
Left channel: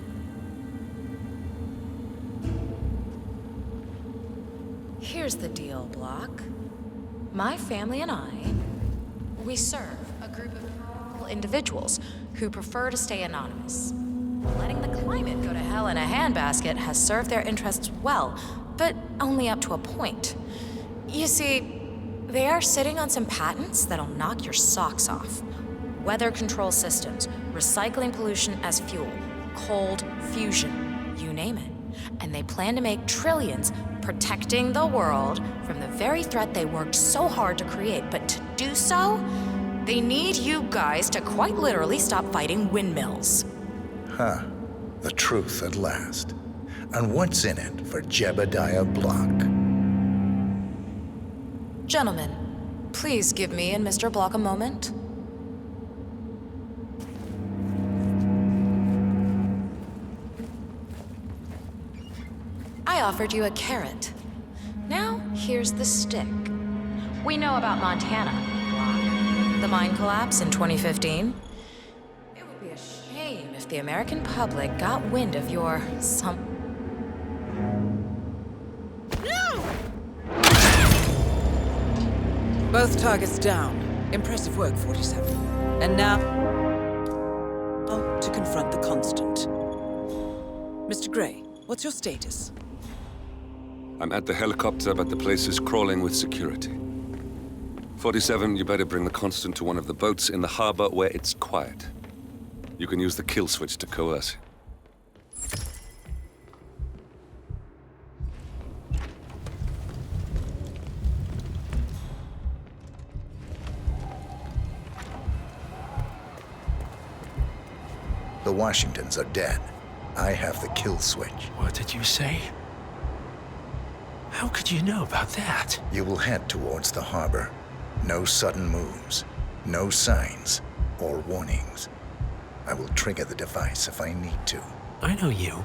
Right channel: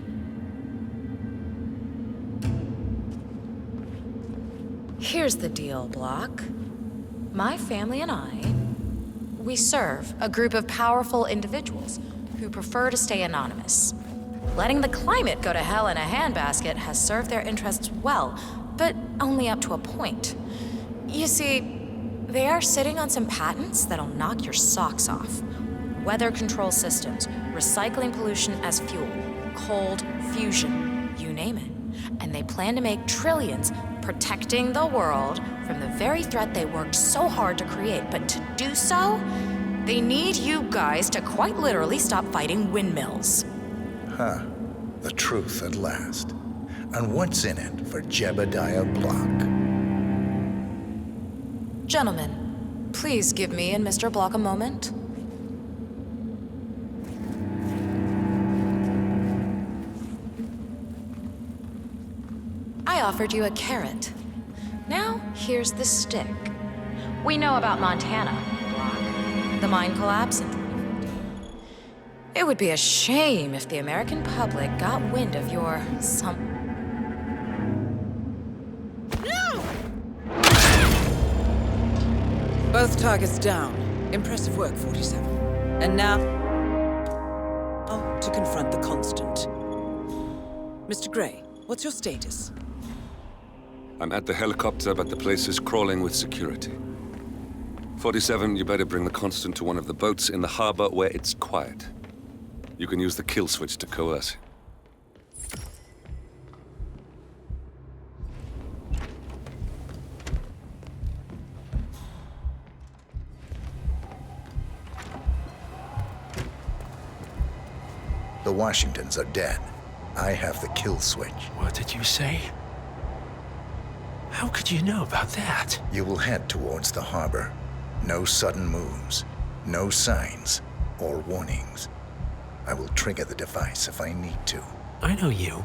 Here's the deal, Block. My family and I, we serve a group of powerful individuals who prefer to stay anonymous. Letting the climate go to hell in a handbasket has served their interests well, but only up to a point. You see, they are sitting on some patents that'll knock your socks off. Weather control systems, recycling pollution as fuel, cold fusion, you name it. And they plan to make trillions protecting the world from the very threat they worked so hard to create. But to do so, they need you guys to quite literally stop fighting windmills. Huh. The truth at last. And what's in it for Jebediah Block? Gentlemen, please give me and Mr. Block a moment. I offered you a carrot. Now, here's the stick. We know about Montana, Block. The mine collapse in 2015. It would be a shame if the American public got wind of your No! Both targets down. Impressive work, 47. And now... to confront the Constant. Mr. Gray, what's your status? I'm at the helicopter, but the place is crawling with security. 47, you better bring the Constant to one of the boats in the harbor where it's quiet. You can use the kill switch to coerce him. The Washingtons are dead. I have the kill switch. What did you say? How could you know about that? You will head towards the harbor. No sudden moves, no signs or warnings. I will trigger the device if I need to. I know you.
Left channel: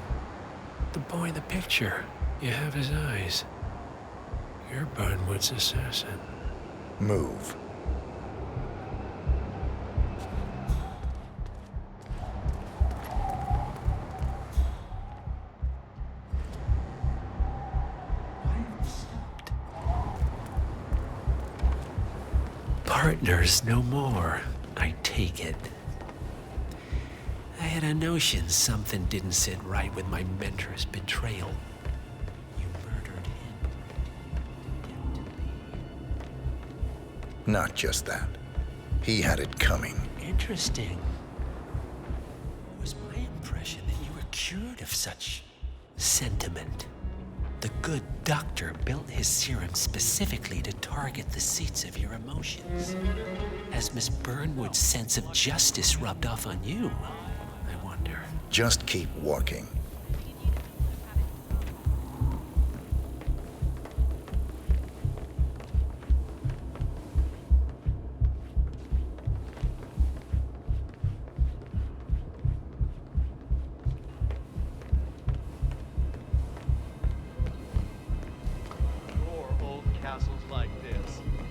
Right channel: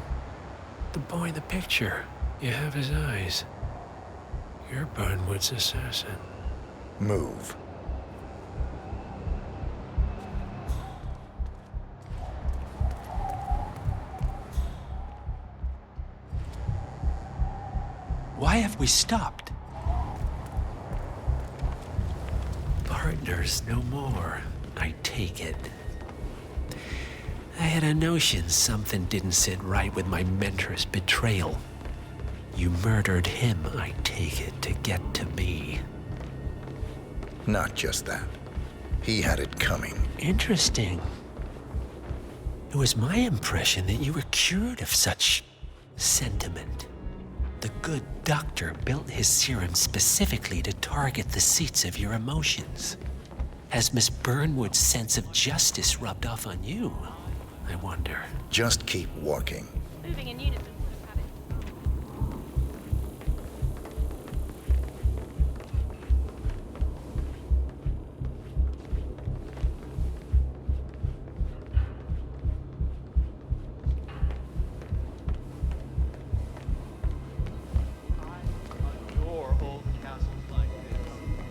The boy in the picture. You have his eyes. You're Burnwood's assassin. Move. Why have we stopped? Partners no more, I take it. I had a notion something didn't sit right with my mentor's betrayal. You murdered him, I take it, to get to me. Not just that. He had it coming. Interesting. It was my impression that you were cured of such sentiment. The good doctor built his serum specifically to target the seats of your emotions. Has Miss Burnwood's sense of justice rubbed off on you, I wonder? Just keep walking.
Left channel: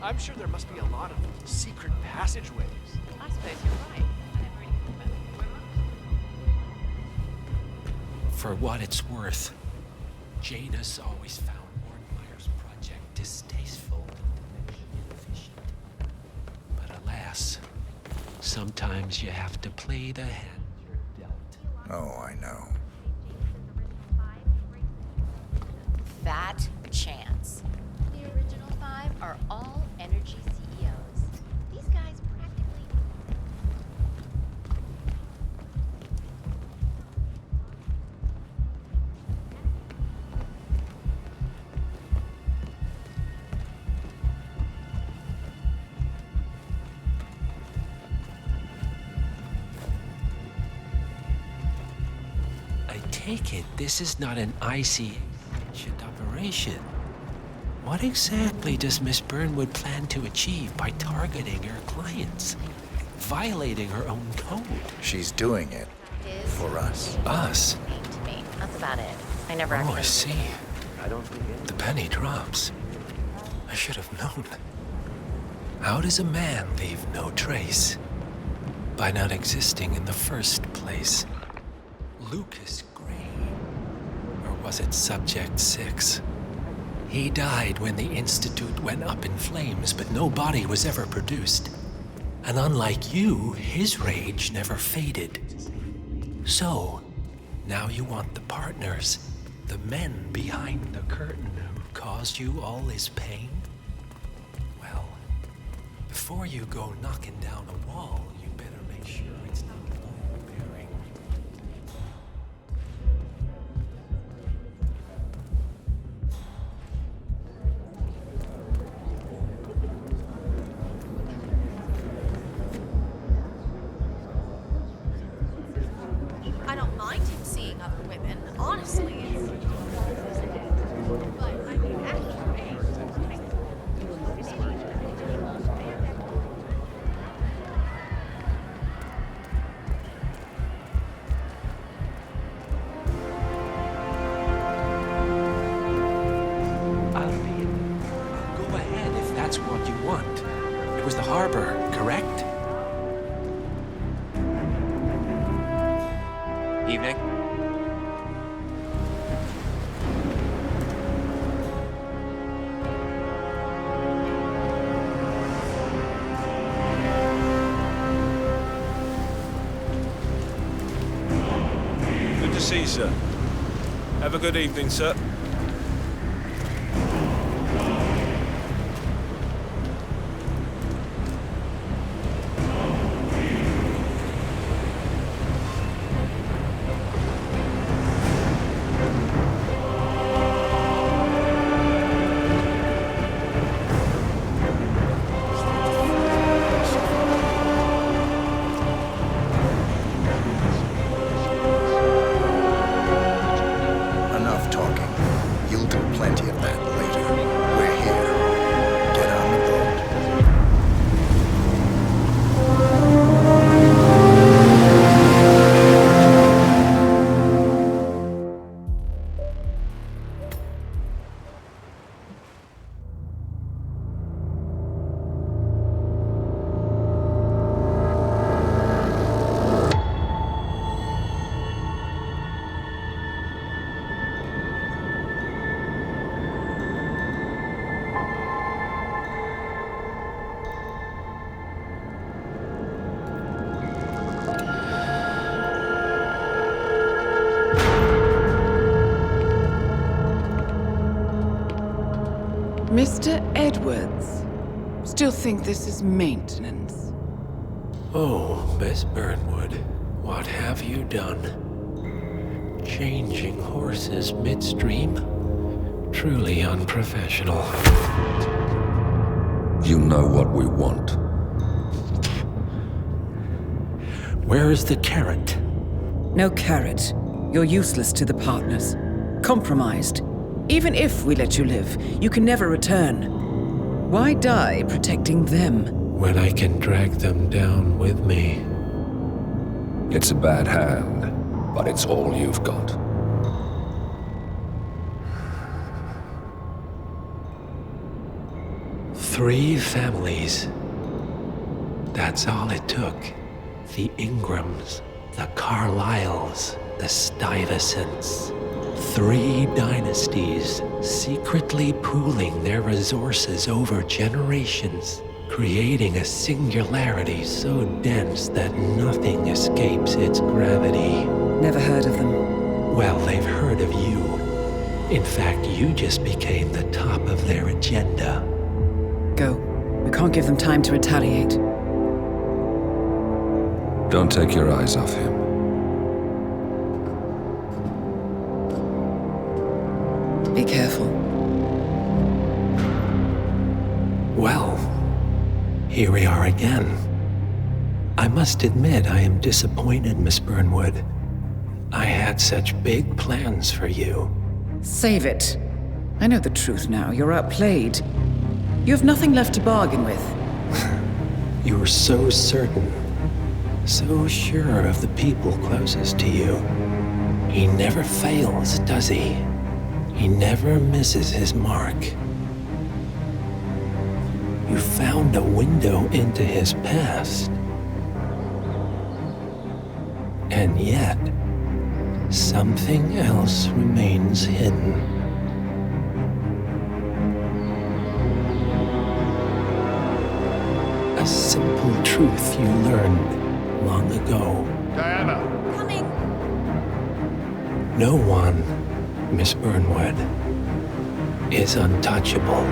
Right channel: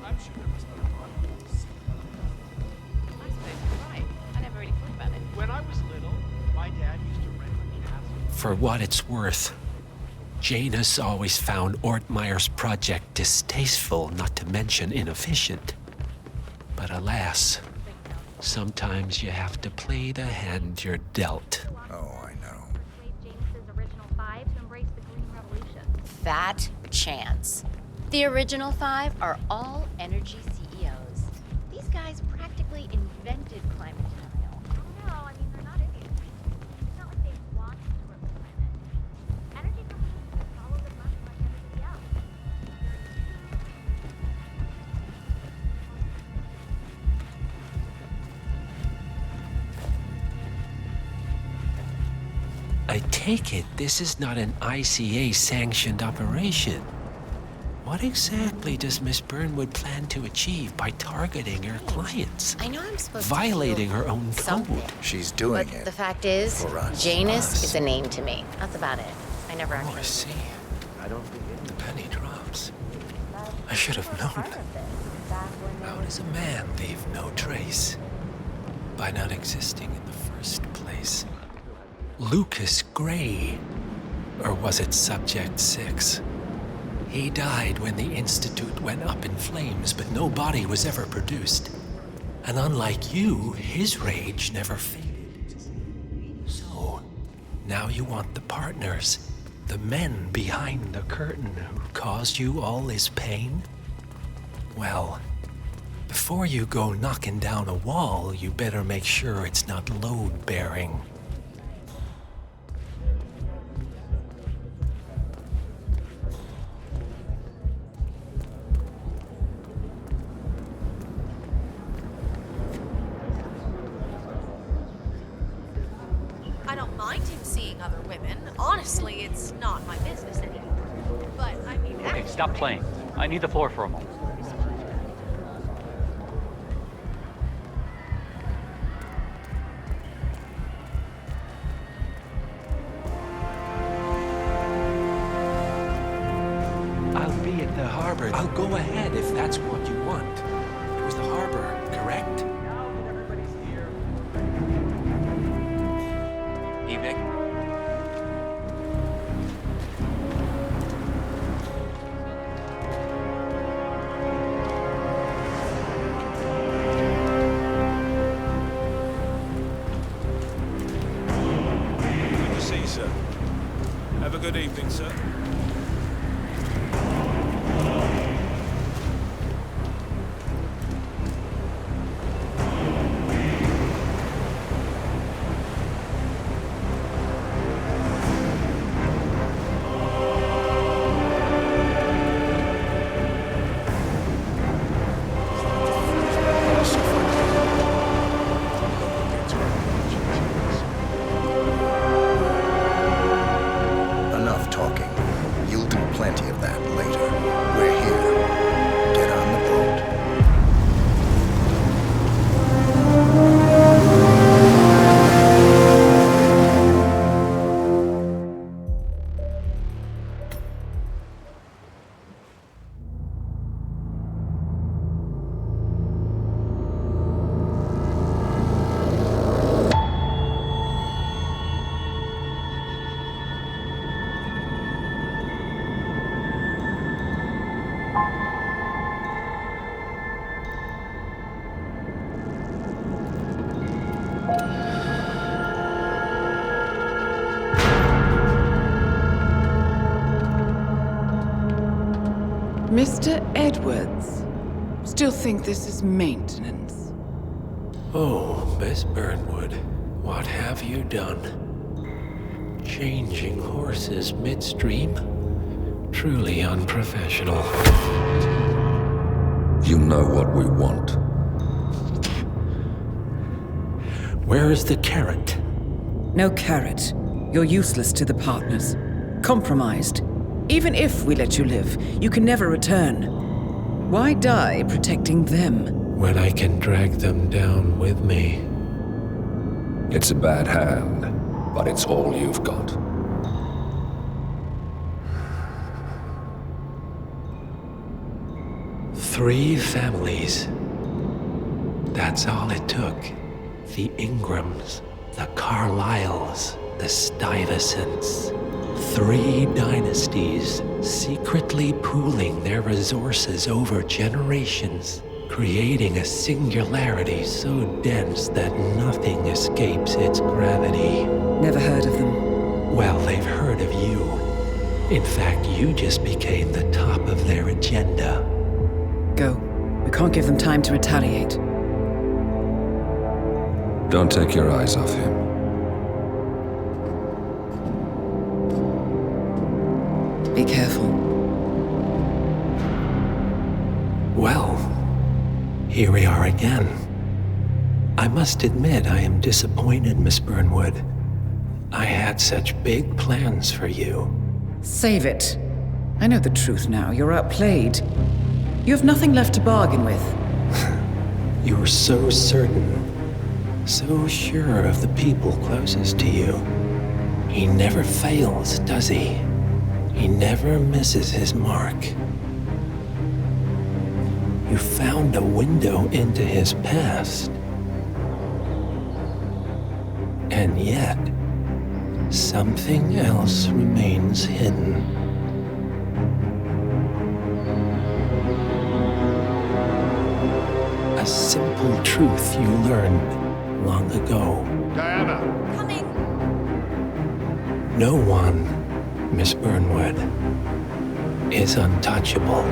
I'm sure there must be a lot of secret passageways. I suppose you're right. I never really thought about it. When I was little, my dad used to rent the castle. For what it's worth, Janus always found Ortmeyer's project distasteful, not to mention inefficient. But alas, sometimes you have to play the hand you're dealt. Oh, I know. Fat chance. The original 5 are all energy CEOs. These guys practically invented climate change. No, I mean, they're not idiots. It's not like they walked into a planet. Energy is I take it this is not an ICA-sanctioned operation. What exactly does Miss Burnwood plan to achieve by targeting her clients? I know I'm supposed violating her own code. She's doing it. The fact is, for us. Janus is a name to me. That's about it. I never actually. Oh, I see. The penny drops. I should have known. How does a man leave no trace? By not existing in the first place. Lucas Gray. Or was it Subject 6? He died when the Institute went up in flames, but no body was ever produced. And unlike you, his rage never faded. So, now you want the partners, the men behind the curtain who caused you all this pain? Well, before you go knocking down a wall, you better make sure it's not load-bearing. I don't mind him seeing other women. Honestly, it's not my business. But, I mean, actually... Stop playing. I need the floor for a moment. I'll be at the harbor. I'll go ahead if that's what you want. It was the harbor, correct? Evening. see, sir. Have a good evening, sir. Enough talking. You'll do plenty of that later. We're here. Get on the boat. Mr. Edwards, still think this is maintenance? Oh, Miss Burnwood, what have you done? Changing horses midstream? Truly unprofessional. You know what we want. Where is the carrot? No carrot. You're useless to the partners. Compromised. Even if we let you live, you can never return. Why die protecting them? When I can drag them down with me. It's a bad hand, but it's all you've got. Three families. That's all it took. The Ingrams, the Carlyles, the Stuyvesants. 3 dynasties secretly pooling their resources over generations, creating a singularity so dense that nothing escapes its gravity. Never heard of them. Well, they've heard of you. In fact, you just became the top of their agenda. Go. We can't give them time to retaliate. Don't take your eyes off him. Be careful. Well, here we are again. I must admit I am disappointed, Miss Burnwood. I had such big plans for you. Save it. I know the truth now. You're outplayed. You have nothing left to bargain with. You were so certain, so sure of the people closest to you. He never fails, does he? He never misses his mark. You found a window into his past. And yet, something else remains hidden. A simple truth you learned long ago. Diana! Coming! No one, Miss Burnwood, is untouchable.